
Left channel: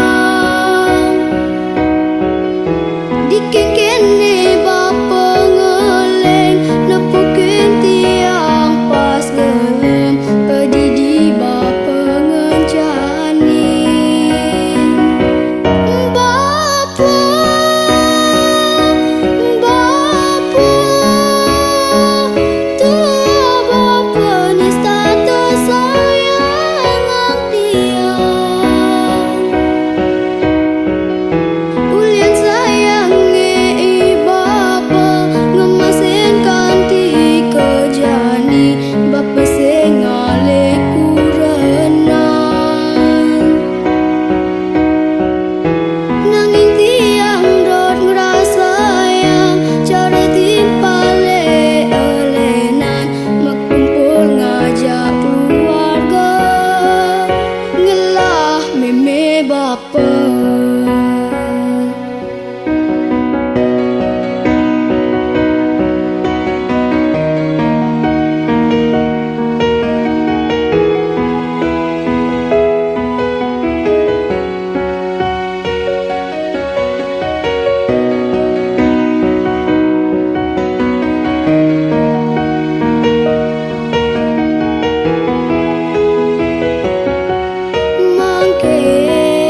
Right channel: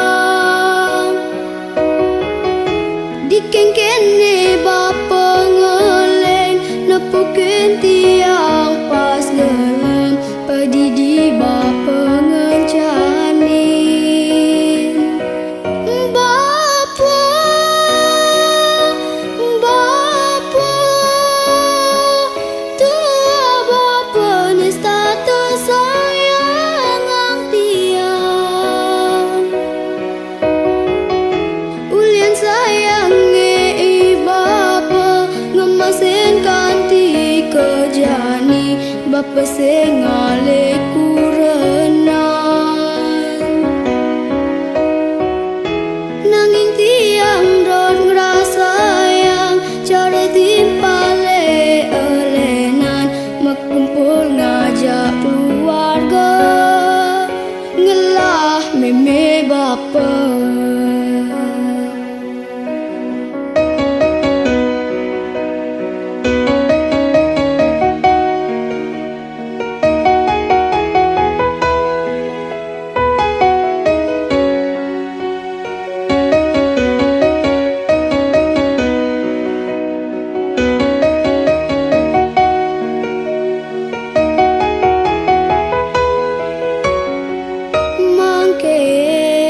dikeng kene bapa ngeleng nepukin tiang pas gelem pedidi bapa ngencanin bapa bapa tua bapa nista tersayang ang tiang ulian sayangnya ibapa ngemasin kanti kejani bapa sengale kurenan nanging tiang rot ngerasa yang cara timpale elenan makumpul ngajak keluarga ngelah meme bapa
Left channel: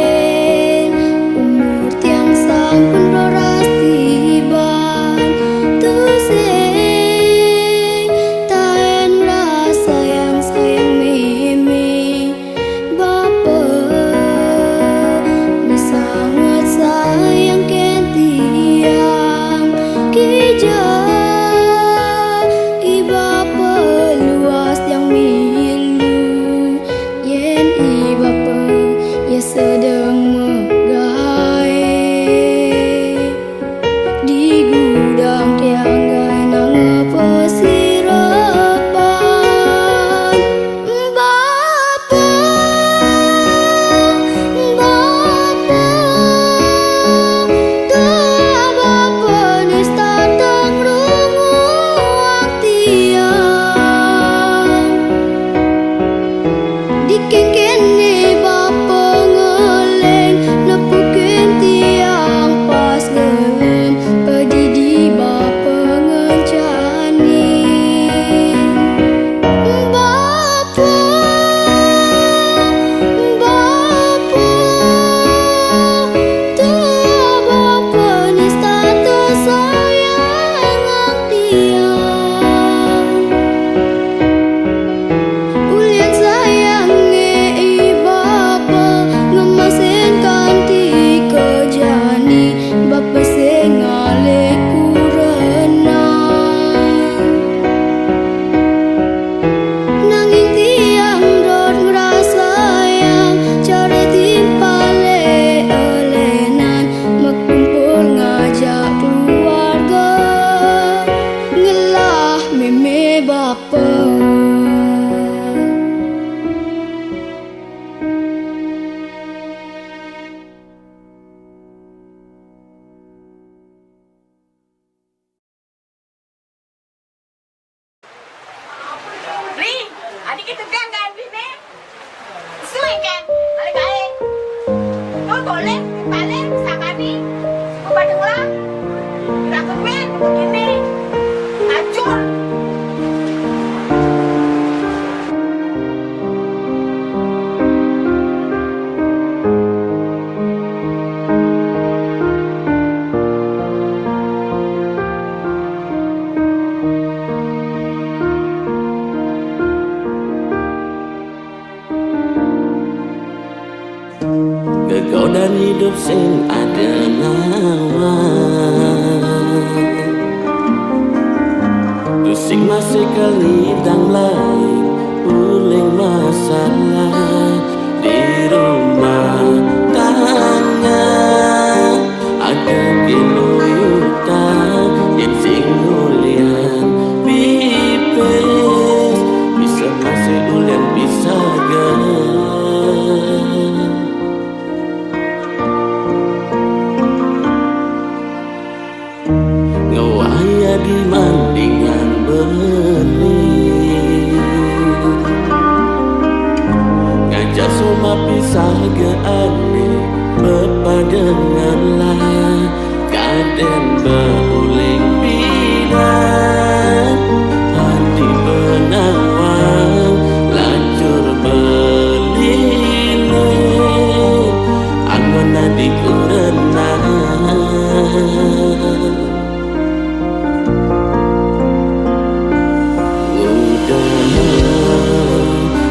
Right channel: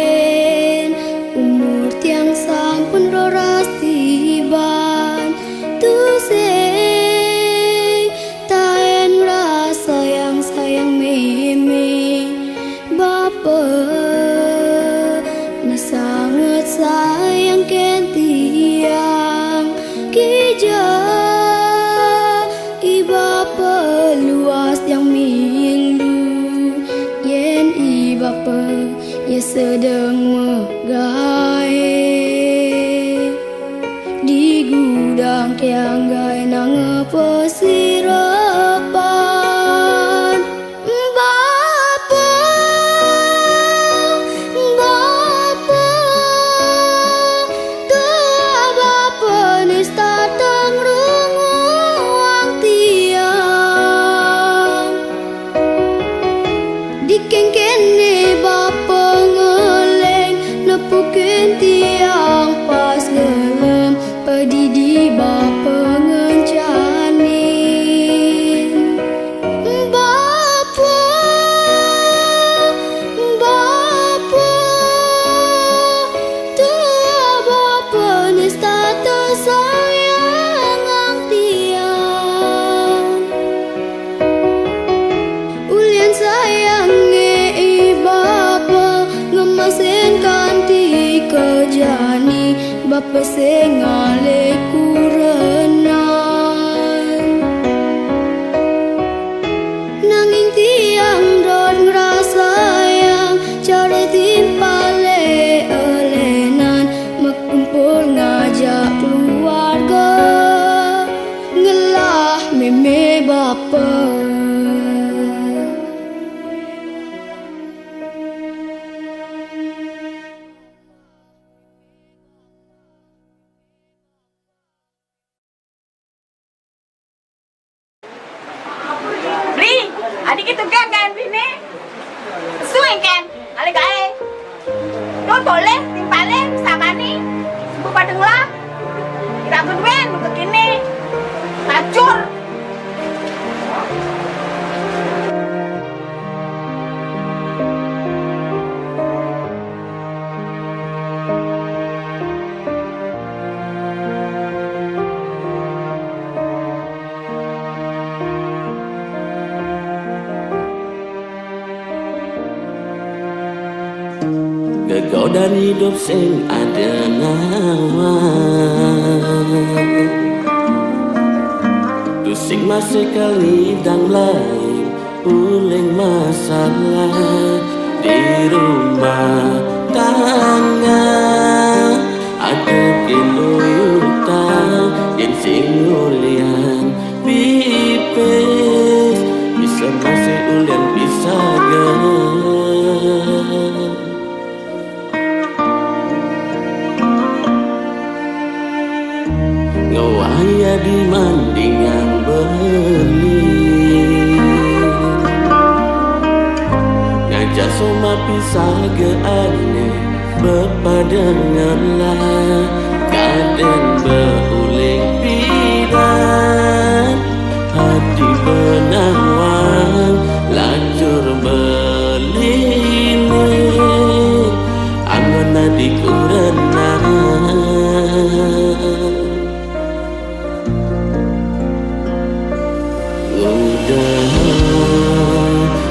mangken umur tiang sampun roras tiban tu sing taen rasa yang sayang meme bapa ni sangat sayang ken tiang kija ibapa luas yang milu yen ibapa ya sedang megae di gudang tiang gai nang pesirapan bapa bapa tua bapa nista tang runguang tiang dikeng kene bapa ngeleng nepukin tiang pas gelem pedidi bapa ngencanin bapa bapa tua bapa nista tersayang ang tiang ulian sayangnya ibapa ngemasin kanti kejani bapa sengale kurenan nanging tiang rot ngerasa yang cara timpale elenan makumpul ngajak keluarga ngelah meme bapa Adik itu kan bini. Suing kan, ale kae. Do tole, timpale, sakani. Ibu padenglah. Kira keduen begini. Hancur. Kegodan hidup sing ada nawa, pusing masih kali dang lain uling masalah di rumah tangga. Ada kinuyutan yang sing ulian pipes, bisa masih ulian bisa ngawaya di mandingan beli, ngajak soma pisah ke ane bepadenganlah kaden beuling pidan hati benawang lacur beline angon adikku renang.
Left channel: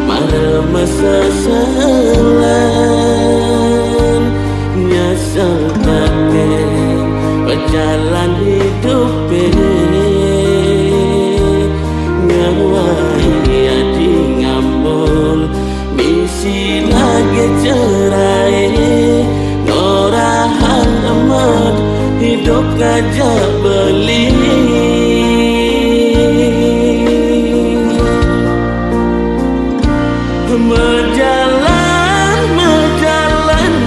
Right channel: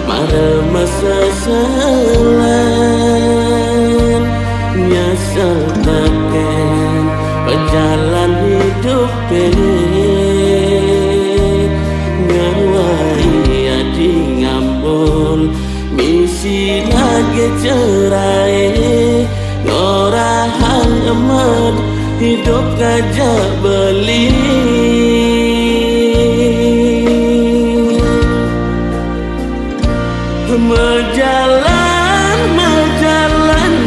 Mara masa selan nyasal taken pejalan hidup ngawai adi ngambul misi lagi cerai ngorahan emat hidup ngajak beli. Mejalan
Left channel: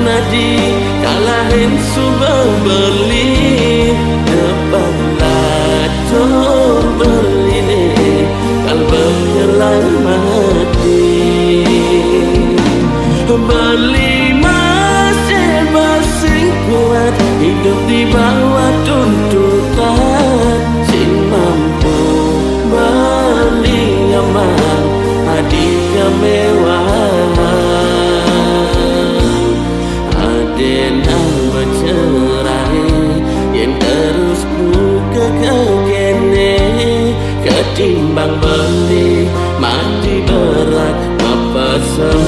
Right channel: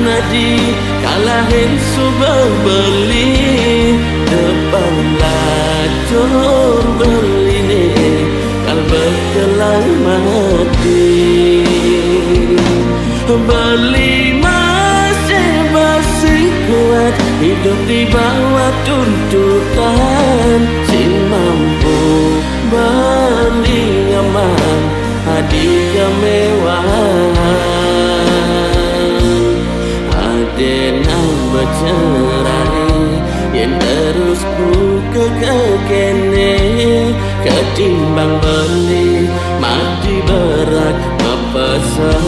nadi kalahin subah beli depan lacur beli ne kalbek jalan mati beli masih basing kuat hidup di bawah tuntutan sing mampu beli nyaman hadi kemewahan aden ang bercerai yang terus buka kekene ketimbang beli mati berat mepesan.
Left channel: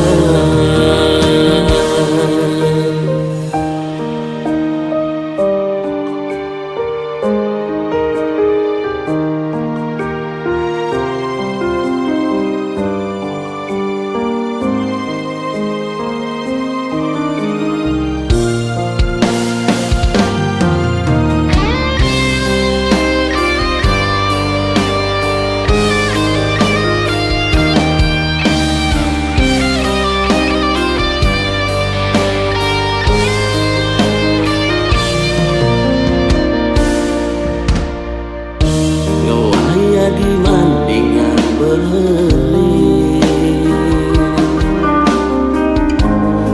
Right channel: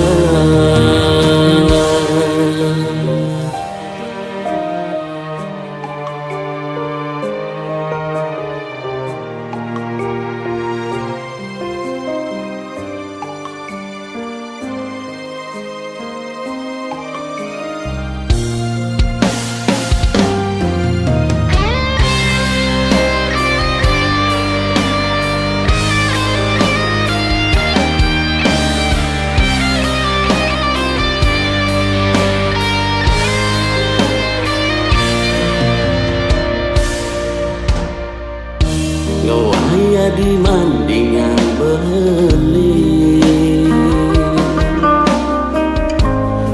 Ngawaya di mandingan beli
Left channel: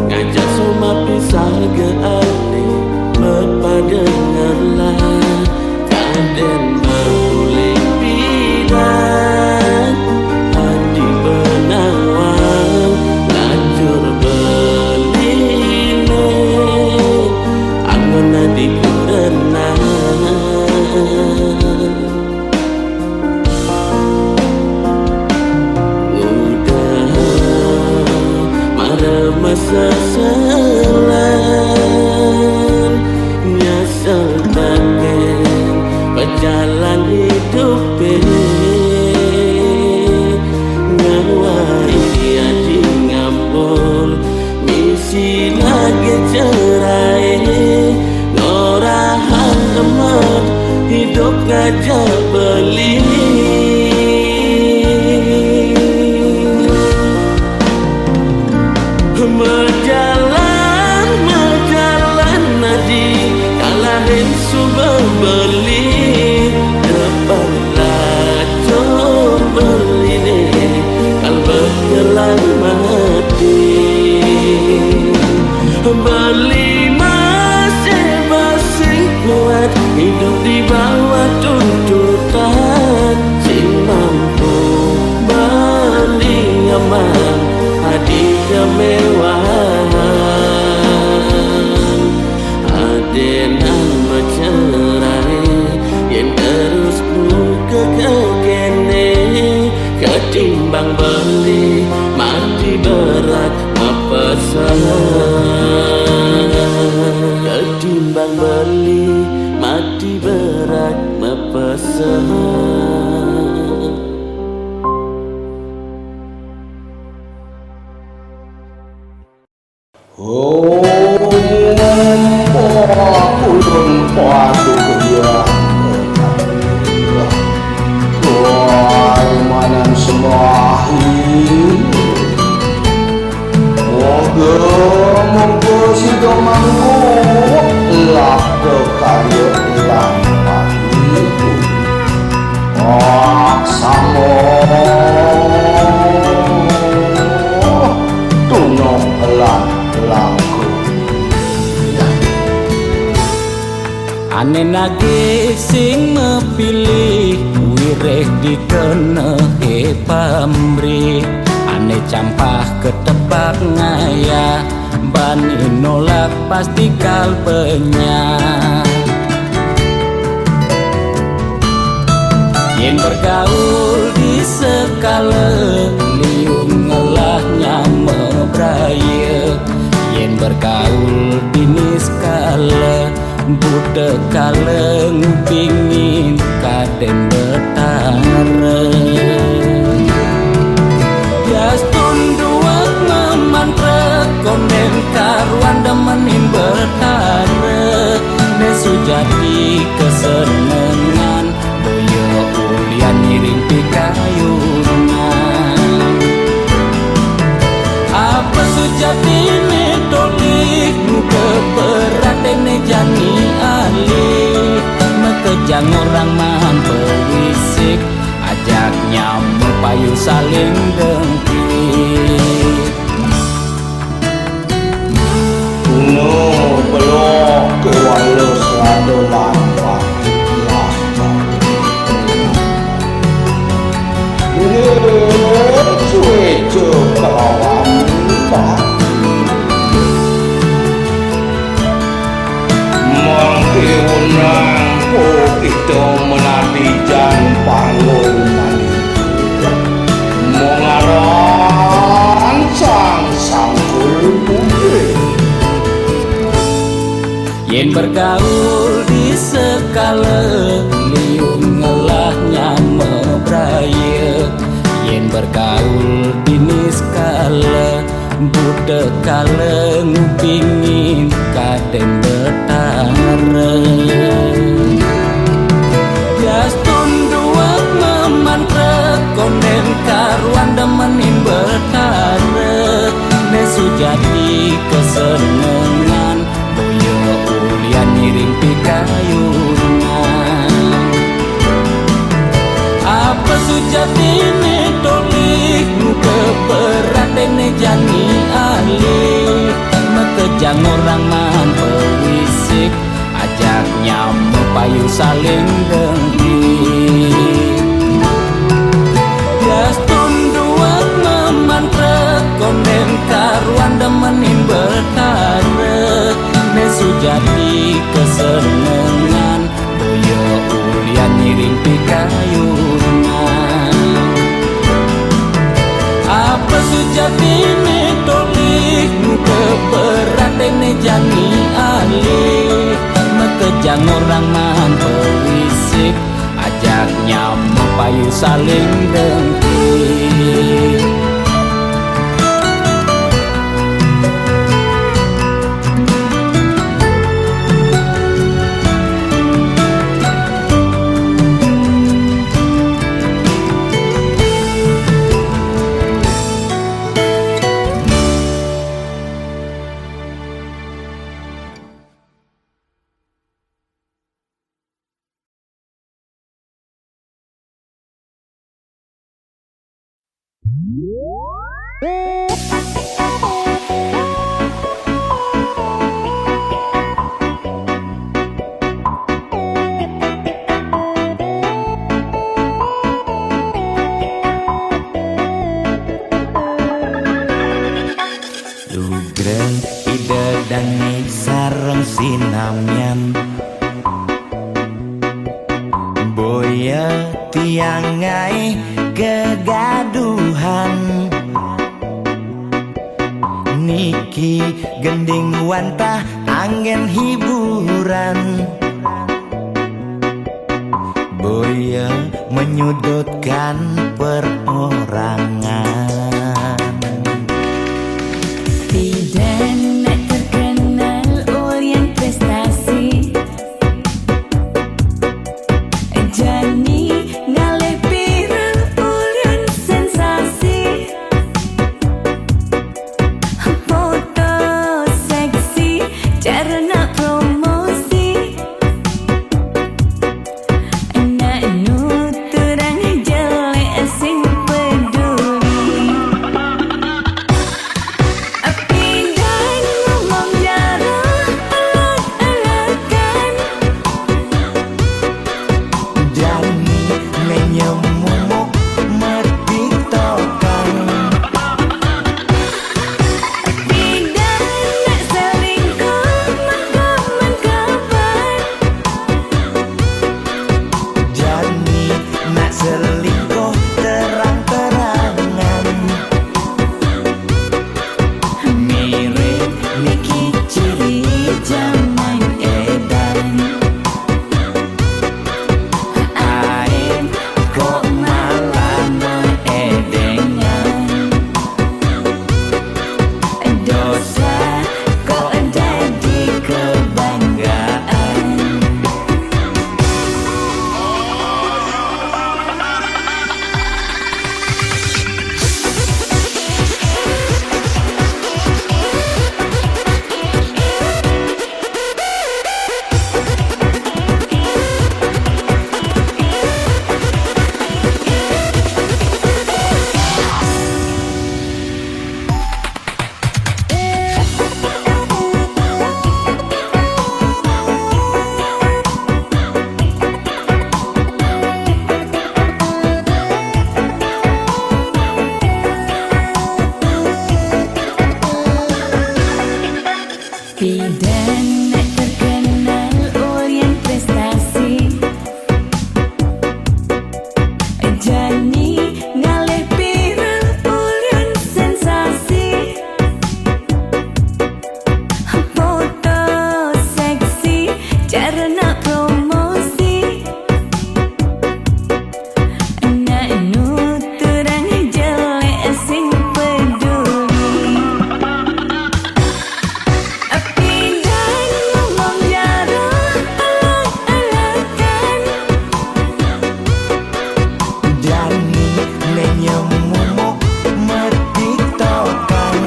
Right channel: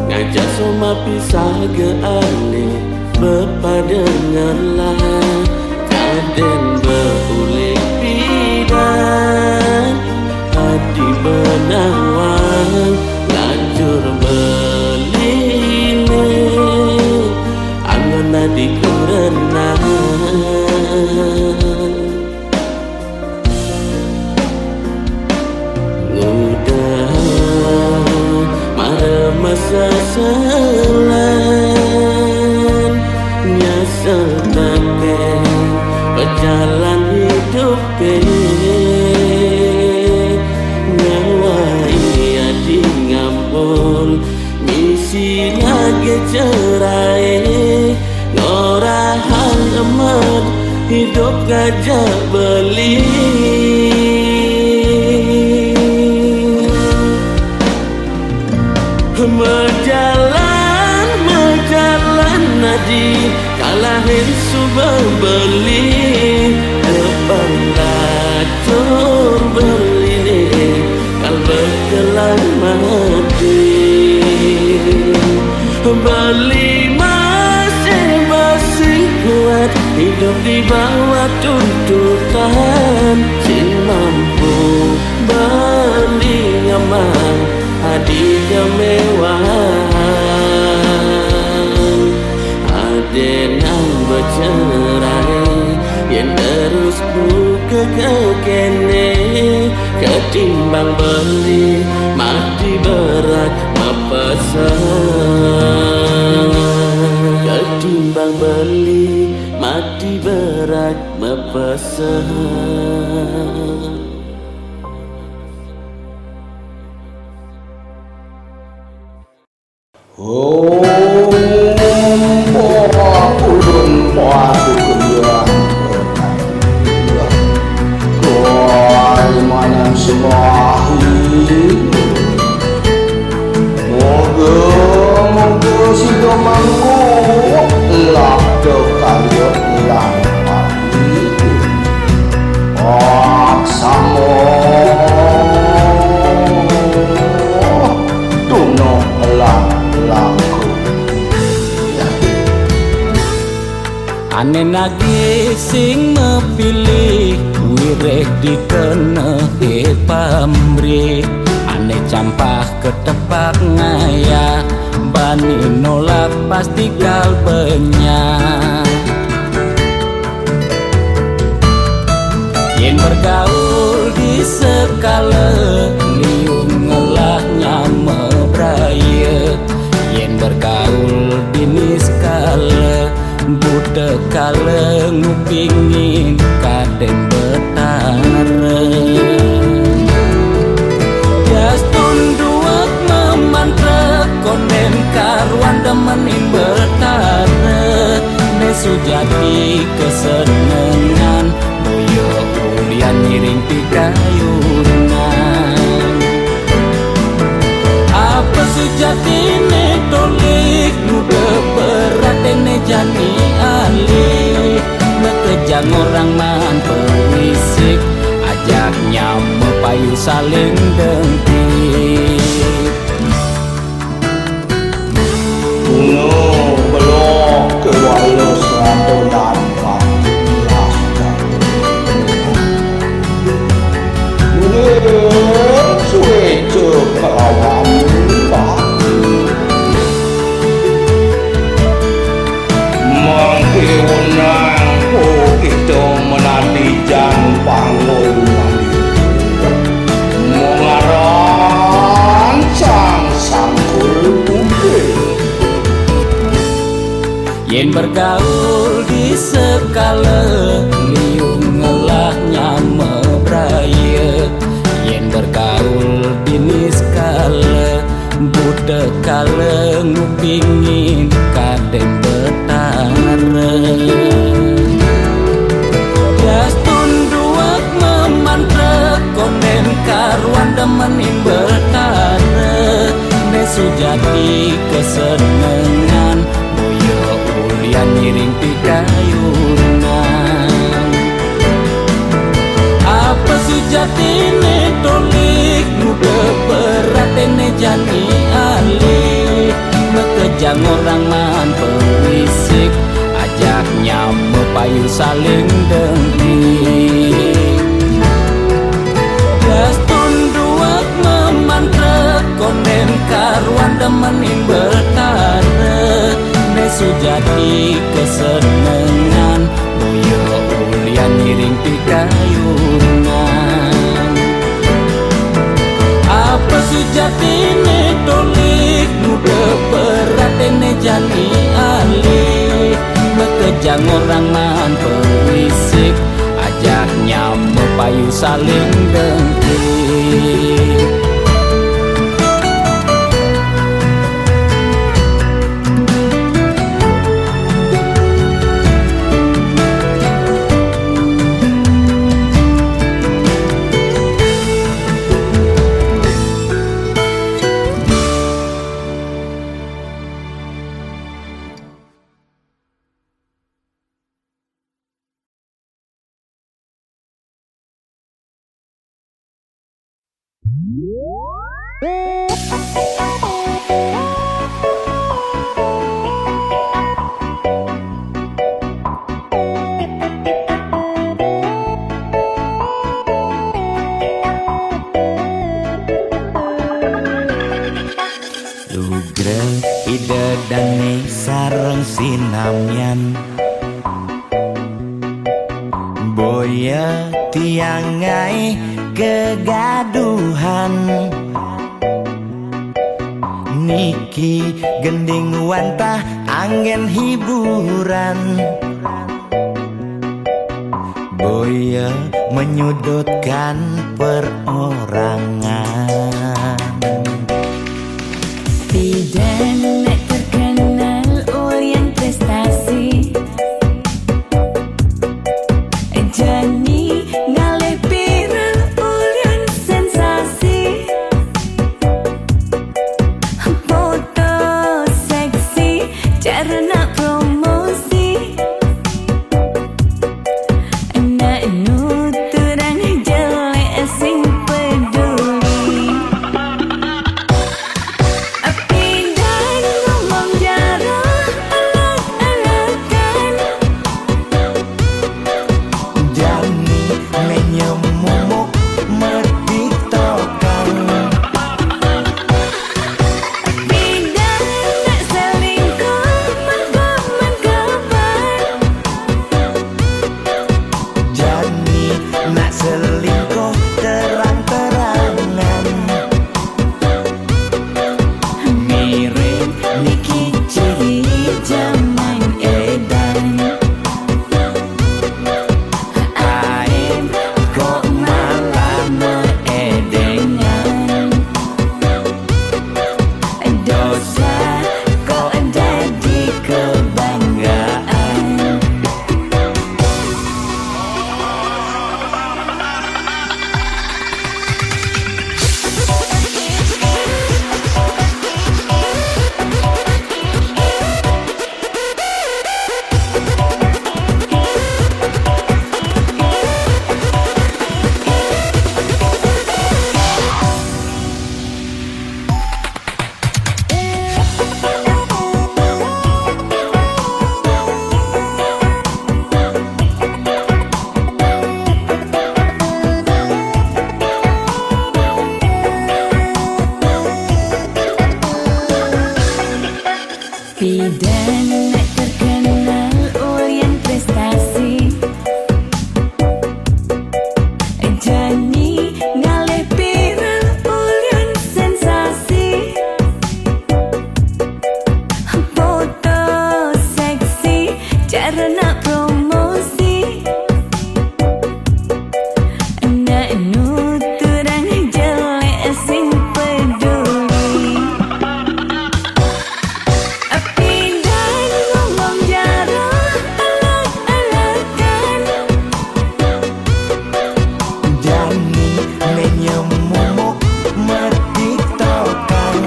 ngajak soma pisah ke ane bepadenganlah kaden beuling pidan hadi benawang lacur beline angon adikku renang. Masa selan nyasal taken pejalan hidup ngawai adi ngampul misi lagi cerai ngorahan emat hidup ngajak beli. Mejalan nadi kalahin subah beli depan lacur beli ne kalbek lan mati. Bali masih basing kuat, hidup di bawah tuntutan. Sin mampu beli aman, hadi kemewahan. Adenan bercerai, yang terus buka ke kene. Ketimbang beli mati berat mepesan. Ketimbang beli mati berat mepesan. Ulun padu kerja Tuai manam semahi Moga si domangku lap karya lang pagi Aksamo tunok langku Ane nagih sing mepilih wireh dikene pamrih. Ane campah ketepak ngaya bani nolak pasti kalpenya. Yen bergaul di sekala liung ngelahnya mebraya. Yen bergaul di niskala budak kala ngupingin kaden betara. Jas tunduak memantra konden karuan demenin betara. Nesu jadi kesenengan boyo ulian miring pikayunan. Apa sejatine tolik muda beratene jani alih. Mekejang orang man pewisik ajaknya mepayu saling dengki. No belok ke walos radolan patilah mungkin suwe kelawam mangke wenang kita menadi jan panggul mandi mengaran sang sangkul putih. Yen bergaul di sekala liung ngelahnya mebraya. Yen bergaul di niskala budak kala ngupingin kaden betara. Jas tunduak memantra konden karuan demenin betara. Nesu jadi kesenengan boyo ulian miring pikayunan. Apa sujatine tolik muka beratene jani alih. Mekejang orang man pewisik ajaknya mepayu saling dengki. Jas tunduak memantra konden karuan demenin betara. Nesu jadi kesenengan boyo ulian miring pikayunan. Apa sujatine tolik muka beratene jani alih. Mekejang orang man pewisik ajaknya mepayu saling dengki. ide dane sareng sinamyan boya tiangai kegaduhan niki gending wantah angin hiburan boya menyudutkan perorangan. Bidan nak terkenal ulyan prestasi Jani ngalih viral ulyan sensasi Foto seksi cara nak promosi Nak nuturang jelek sing peduli Pindah ngomong jarang alak-alakan Jani menyemumuk metik tokang Pindah nak selingkuh mengkaman kabar Jani nak selingkuh terang-terangan Mirip Niki ciri zaman edan Aim kok malah meedengan Dosa kok jadi kebanggaan Bidan nak terkenal ulyan prestasi Jani ngalih viral ulyan sensasi Foto seksi cara nak promosi Nak nuturang jelek sing peduli Pindah ngomong jarang alak-alakan Jani menyemumuk metik tokang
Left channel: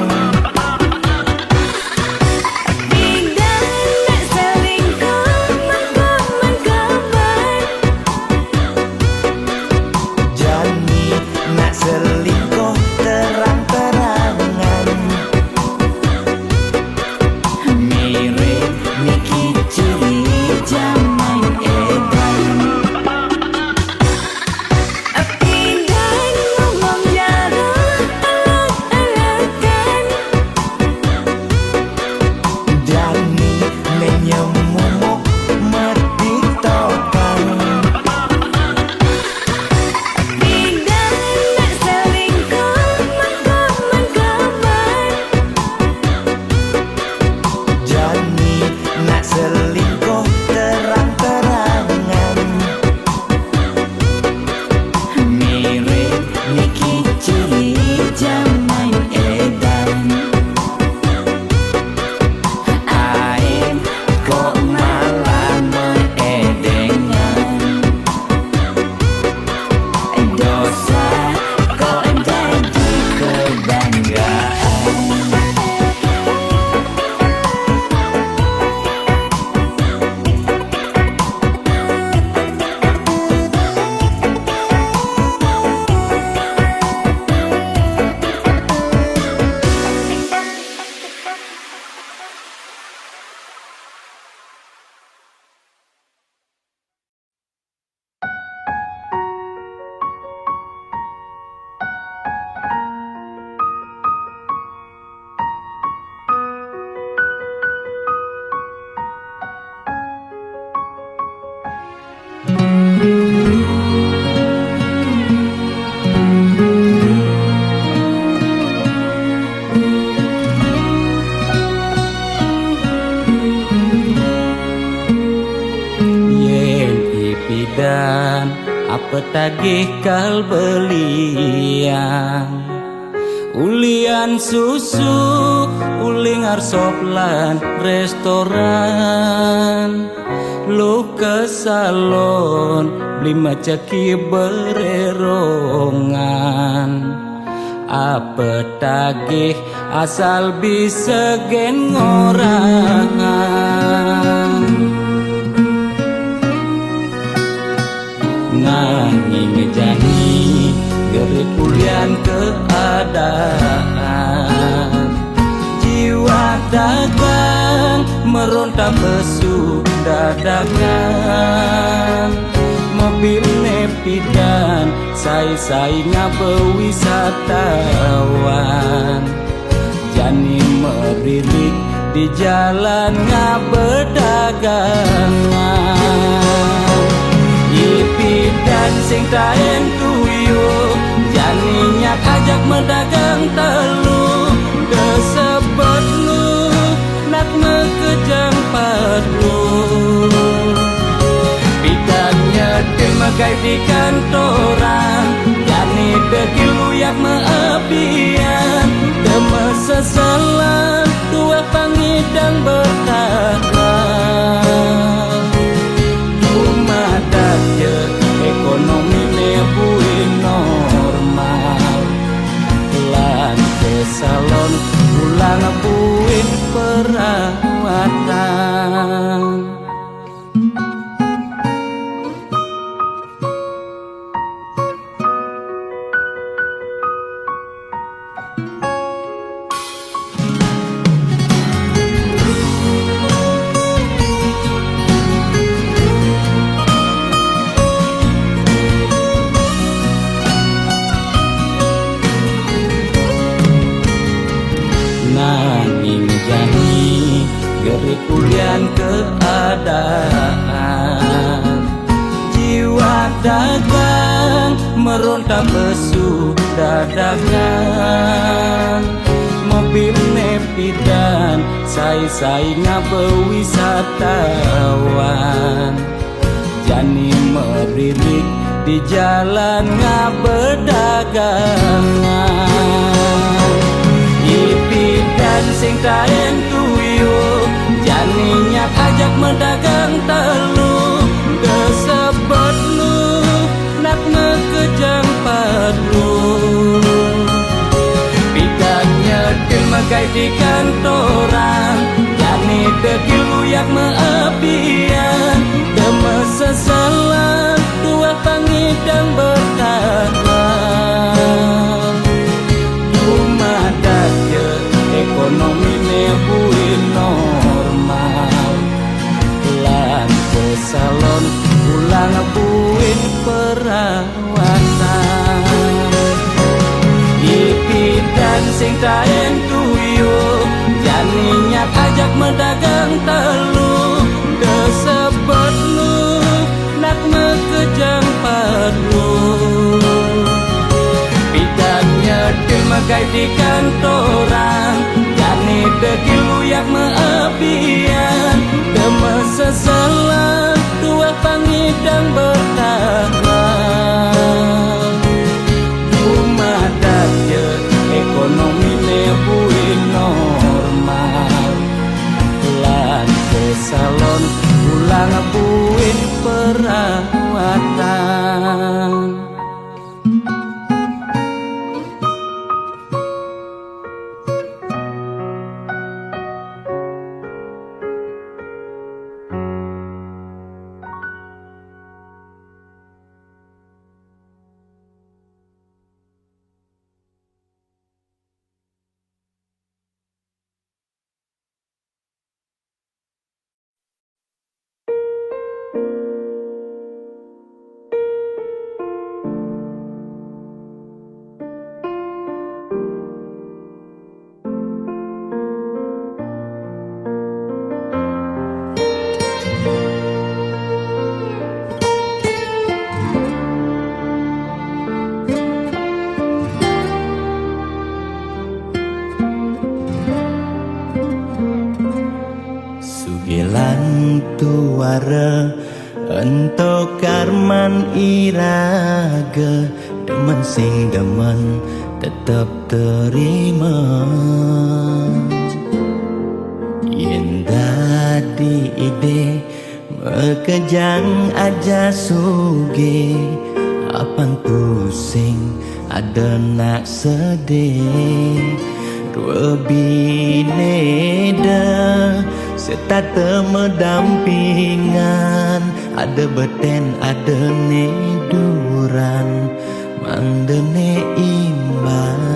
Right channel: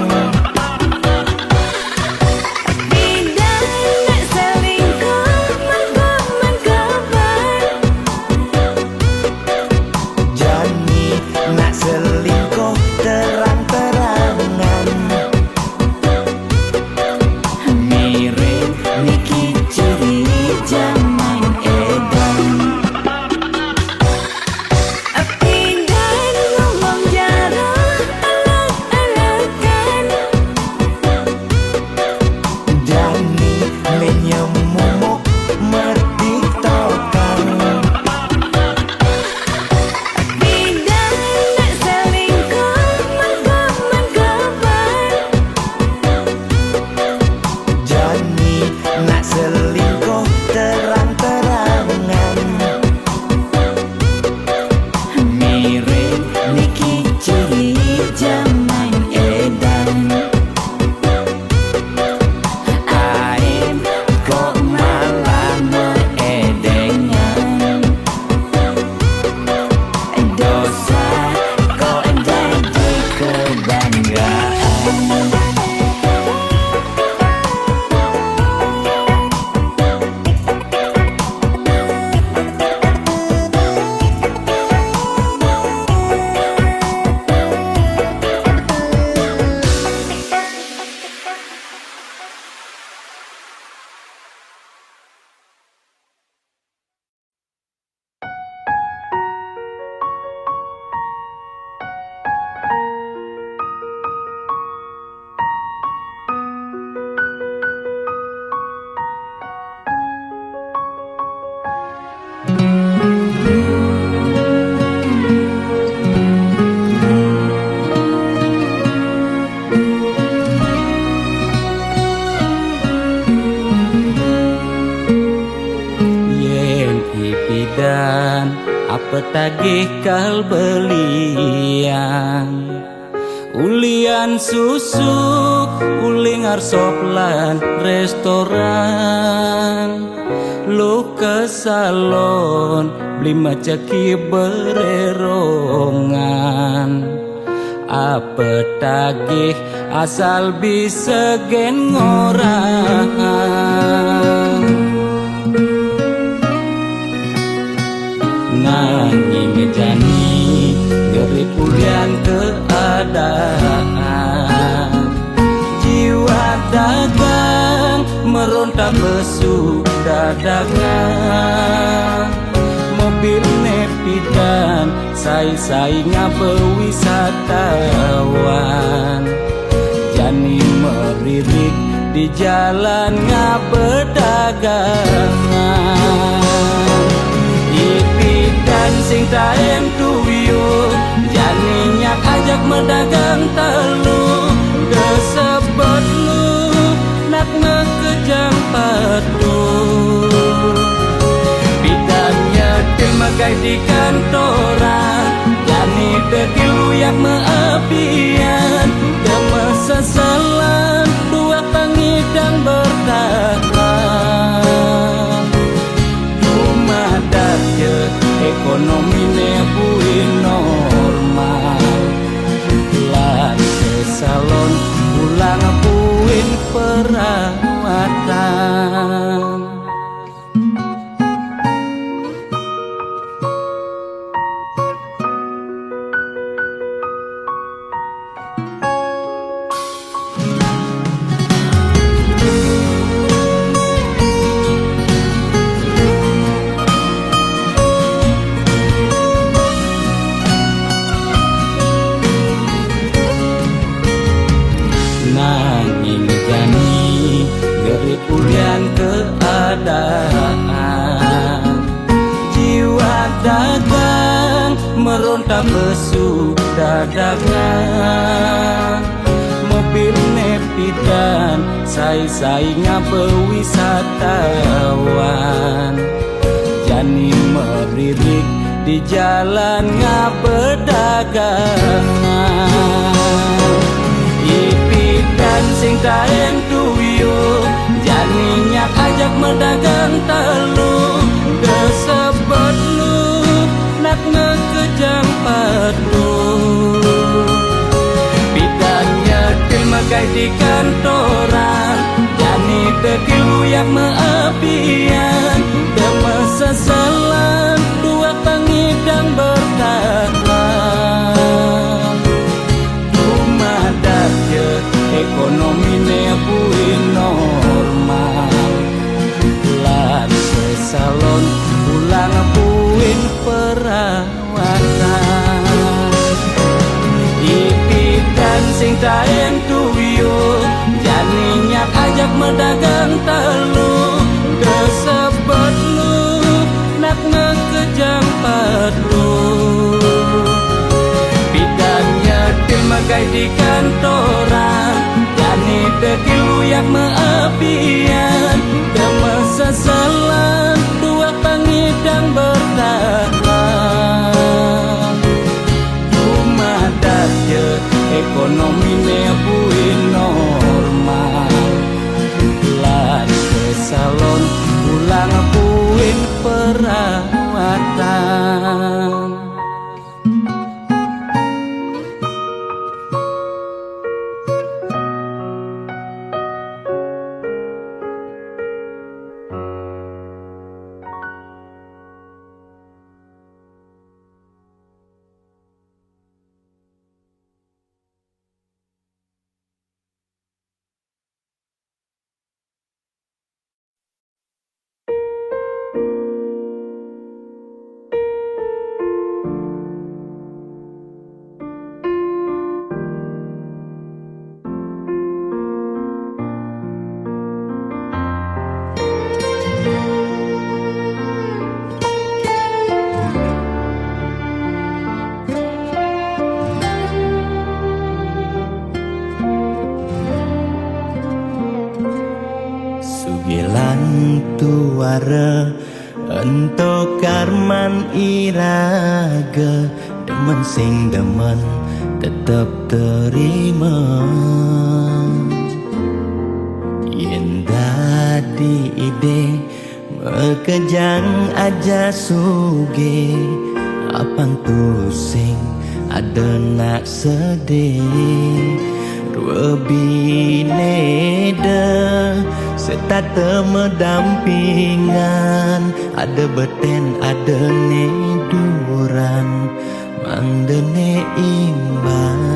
Pindah nak selingkuh mengkaman kabar Jani nak selingkuh terang-terangan Mirip Niki ciri zaman edan Pindah ngomong petagih kal belian ulian susu uling arsoplan restoran lu ke salon beli macaki bererongan apa tagih asal bisa gen ngorang nanging jani gerit ulian keadaan jiwa dagang meronta besu dadakan mobil nepidan sai-sai ngabewisatawan jani meririk di jalan ngabedagangan ipidan sing taen tuyo jani nyak ajak medagang telu desebet lu nak ngekejang padu nyetil megai di kantoran jani dekil uyak meabian deme sesalan dua pangidang bertahan dumadak je ekonomi nebuin normal lan kesalon pulang buin perawatan nanging jani gerik ulian keadaan jiwa dagang meronta pesu dadakan mobil nepidan sai-sai ngabewisatawan jani meririk di jalan ngabedagangan ipidan sing taen tuyo jani nyak ajak medagang telu desebet lu nak ngekejang padu pidan nyetil megai di kantoran jani dekil uyak meabian deme sesalan dua pangidang bertahan dumadak je ekonomi nebuin normal lan kesalon pulang buin perawatan ipidan sing taen tuyo jani nyak ajak medagang telu desebet lu nak ngekejang padu pidan nyetil megai di kantoran jani dekil uyak meabian deme sesalan dua pangidang bertahan dumadak je ekonomi nebuin normal lan kesalon pulang buin perawatan tuara Ento karman iraga demen sing demen tetep terima. Yen dadi ide mekejang aja suge apang tu sing ada nak sedih ruebine de serta temedampingan ada beten ada ne duran mangdene imbang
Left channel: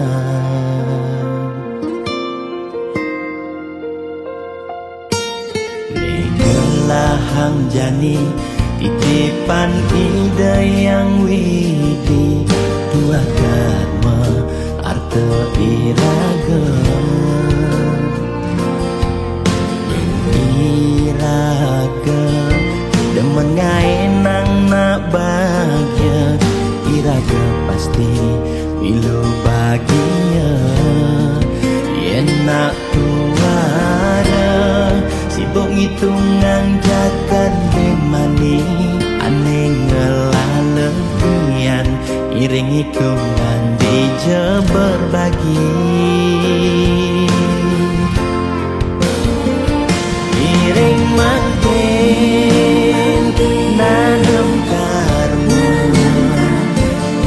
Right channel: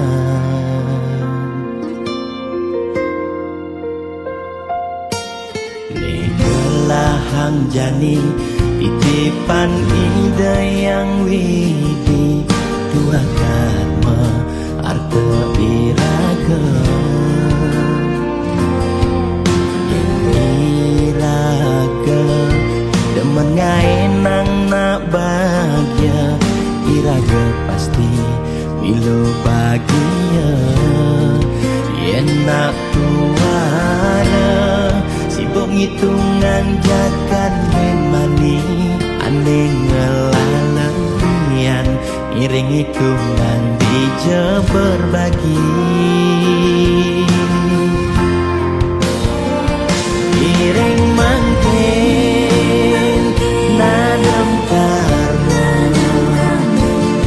ne gelahang jani titipan ide yang widi tua karma arte iraga yen iraga demen ngaenang nak bahagia iraga pasti milo bahagia yen nak tuara sibuk ngitungan jakan ben mani aneh ngelalebian iring hitungan dija berbagi iring mangken nanam karma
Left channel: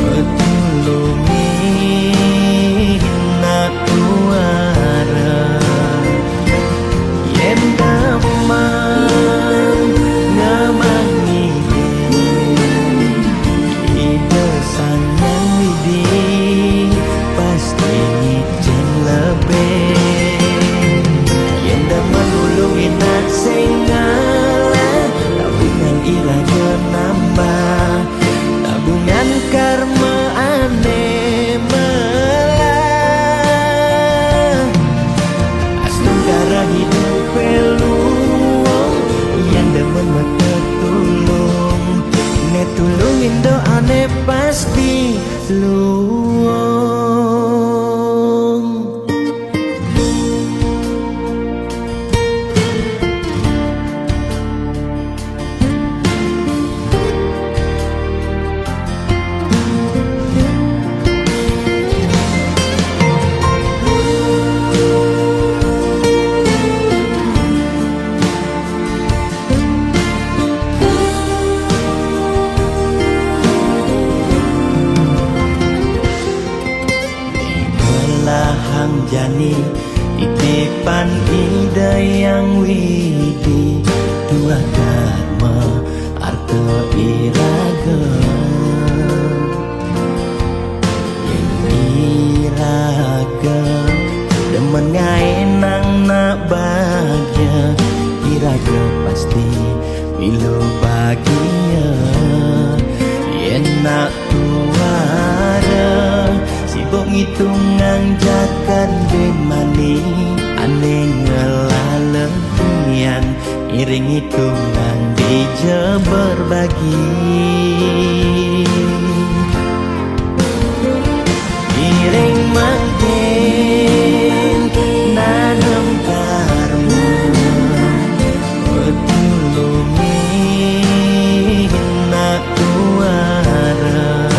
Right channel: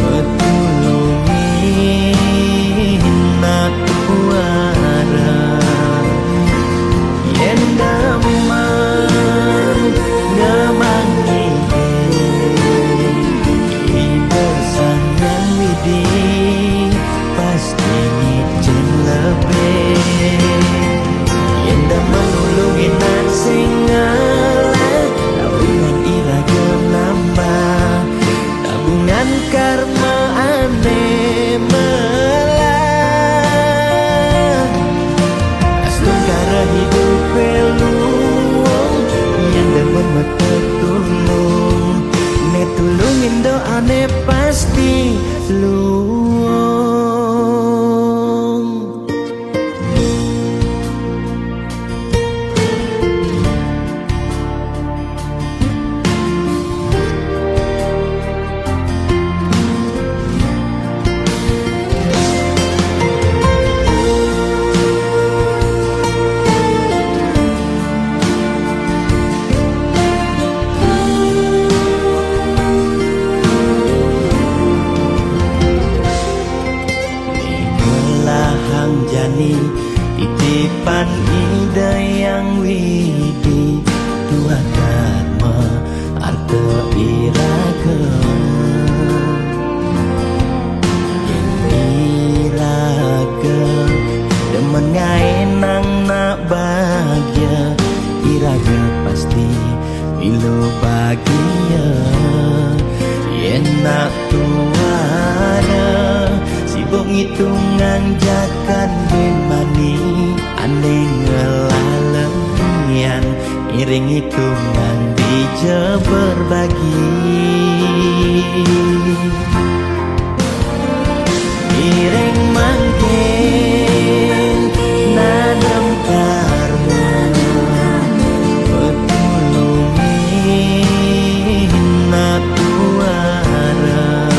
metulungin nak tuara yen daman ngamangi ide sang yang widi pasti ngicen lebih yen daman nulungin nak singala tabungan iraga nambah tabungan karma aneh melah astung kara hidup peluang yang demen mata tulung ne tulungin doa ne pasti luang hang jani titipan ide yang widi tua karma arte iraga yen iraga demen ngaenang nak bahagia iraga pasti milo bahagia yen nak tuara sibuk ngitungan jakan ben mani aneh ngelalebian iring hitungan dija berbagi iring mangken nanam karma metulungin nak tuara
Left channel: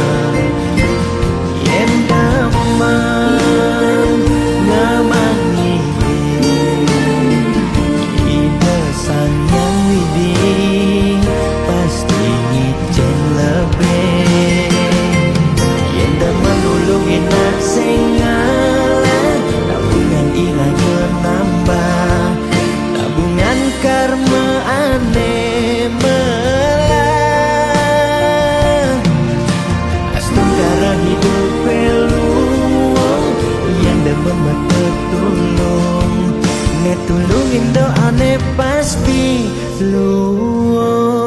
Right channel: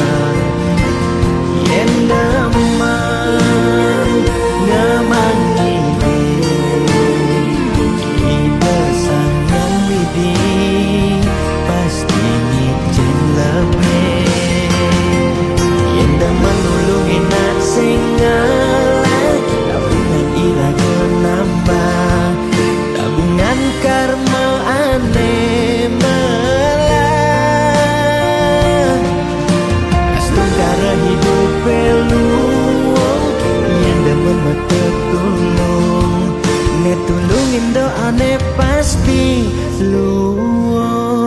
yen daman ngamangi ide sang yang widi pasti ngicen lebih yen daman nulungin nak singala tabungan iraga nambah tabungan karma aneh melah astung kara hidup peluang yang demen mata tulung ne tulungin doa ne pasti luang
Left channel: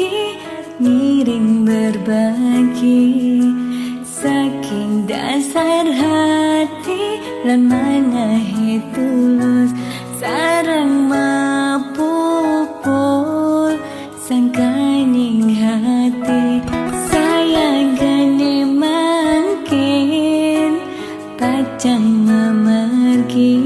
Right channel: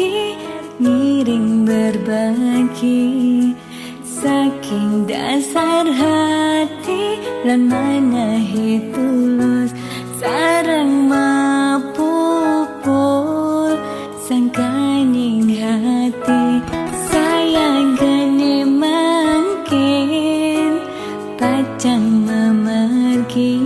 pergi ngiring berbagi saking dasar hati lan manahi tulus sarang mapupul sangkaning hati sayang gani mangkin pacang memergi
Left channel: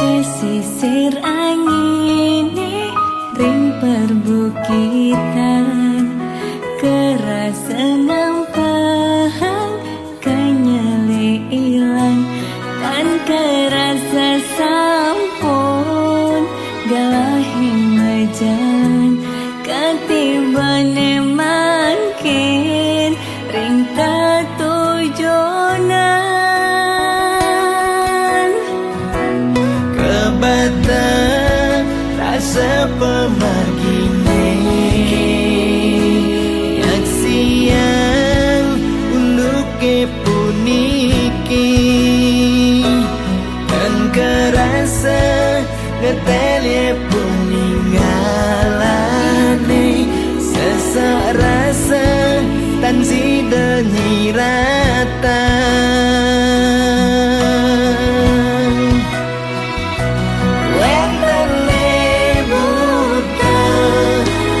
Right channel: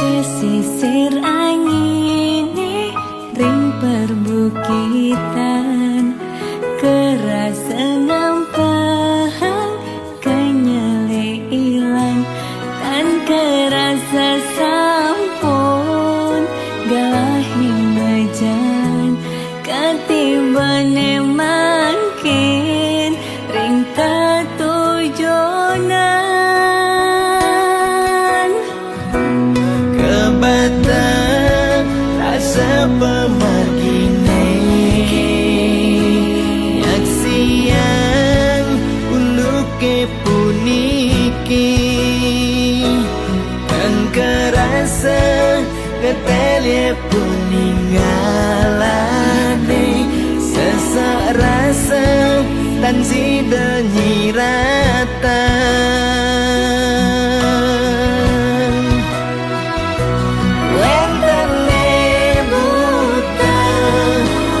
pesisir angin ring perbukitan kerasa ngampang kanyele ilang dan kerasa sampun galahing majan katibane mangkin ring tatujonan Kebatang rasa pemargine Yaksian uluke puniki Dan kerasa ngetelye puninggalane Sesak rasa tan sida nyiratan Wentene buta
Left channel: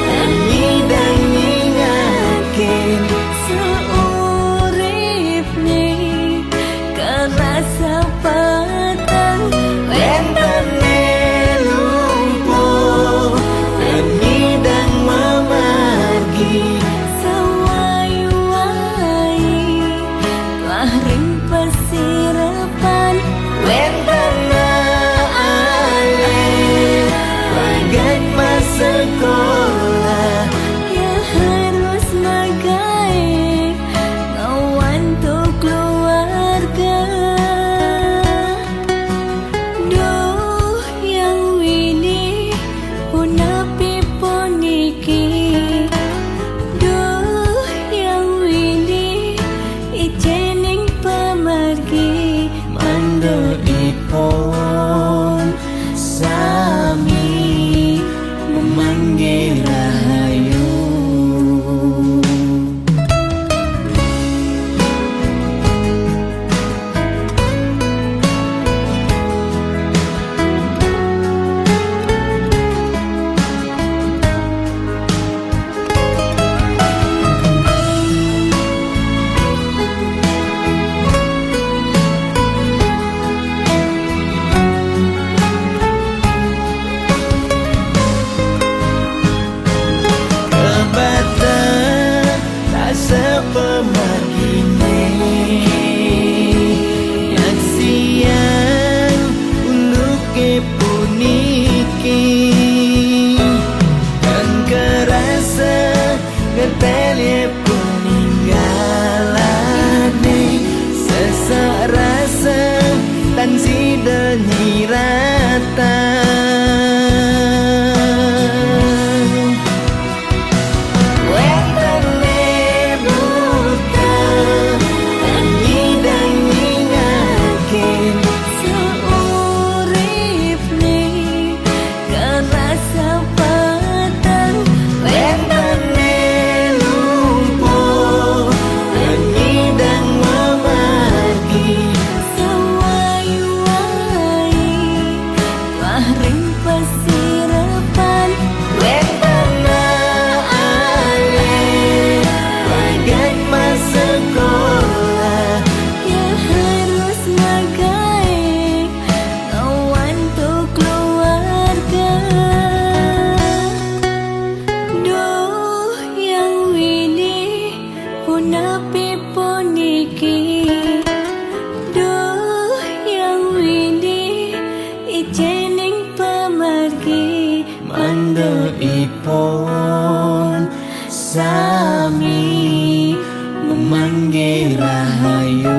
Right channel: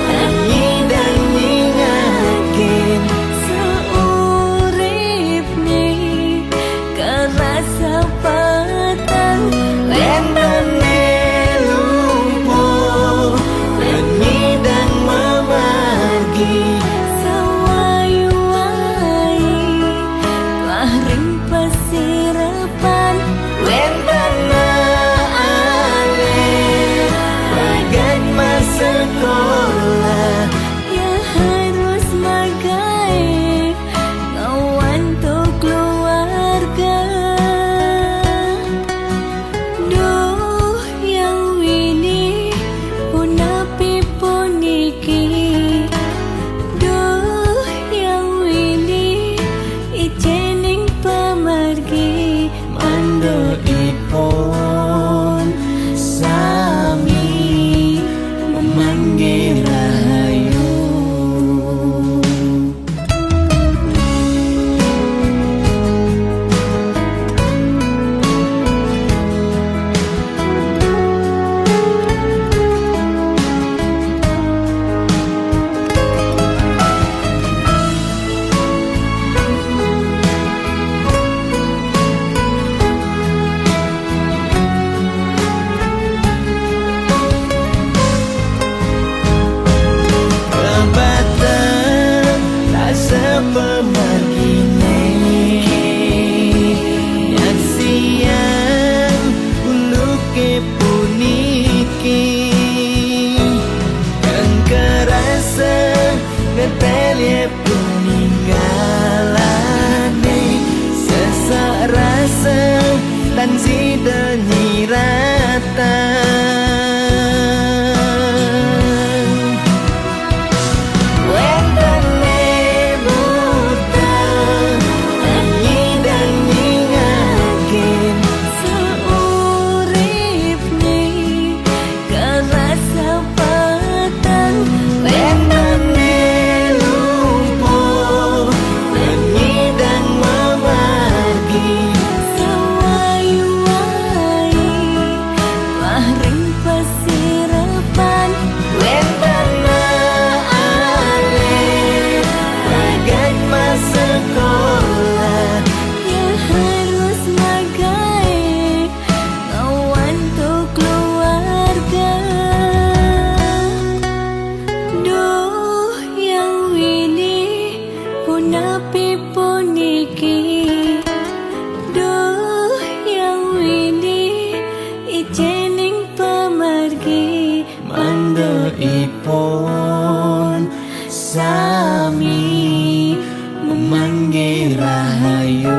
dan nyidang nyingakin seurip nih kerasa petang Wentene lumpuh dan nyidang memargi sawai-wai telah ring pesirapan Wentene alih bagai masa sekolah ya harus magai ngawan tuh keluarga duh yang wini punapi puniki duh yang wini ijening pemargi Mandoipun sami memanggil rahayu Kebatang rasa pemargine Yaksian uluke puniki Dan kerasa ngetelye puninggalane Sesak rasa tan sida nyiratan Wentene buta dan nyidang nyingakin seurip nih kerasa petang Wentene lumpuh dan nyidang memargi sawai-wai telah ring pesirapan Wentene alih bagai masa sekolah ya harus magai ngawan tuh keluarga duh yang wini punapi puniki duh yang wini ijening pemargi Mandoipun sami memanggil rahayu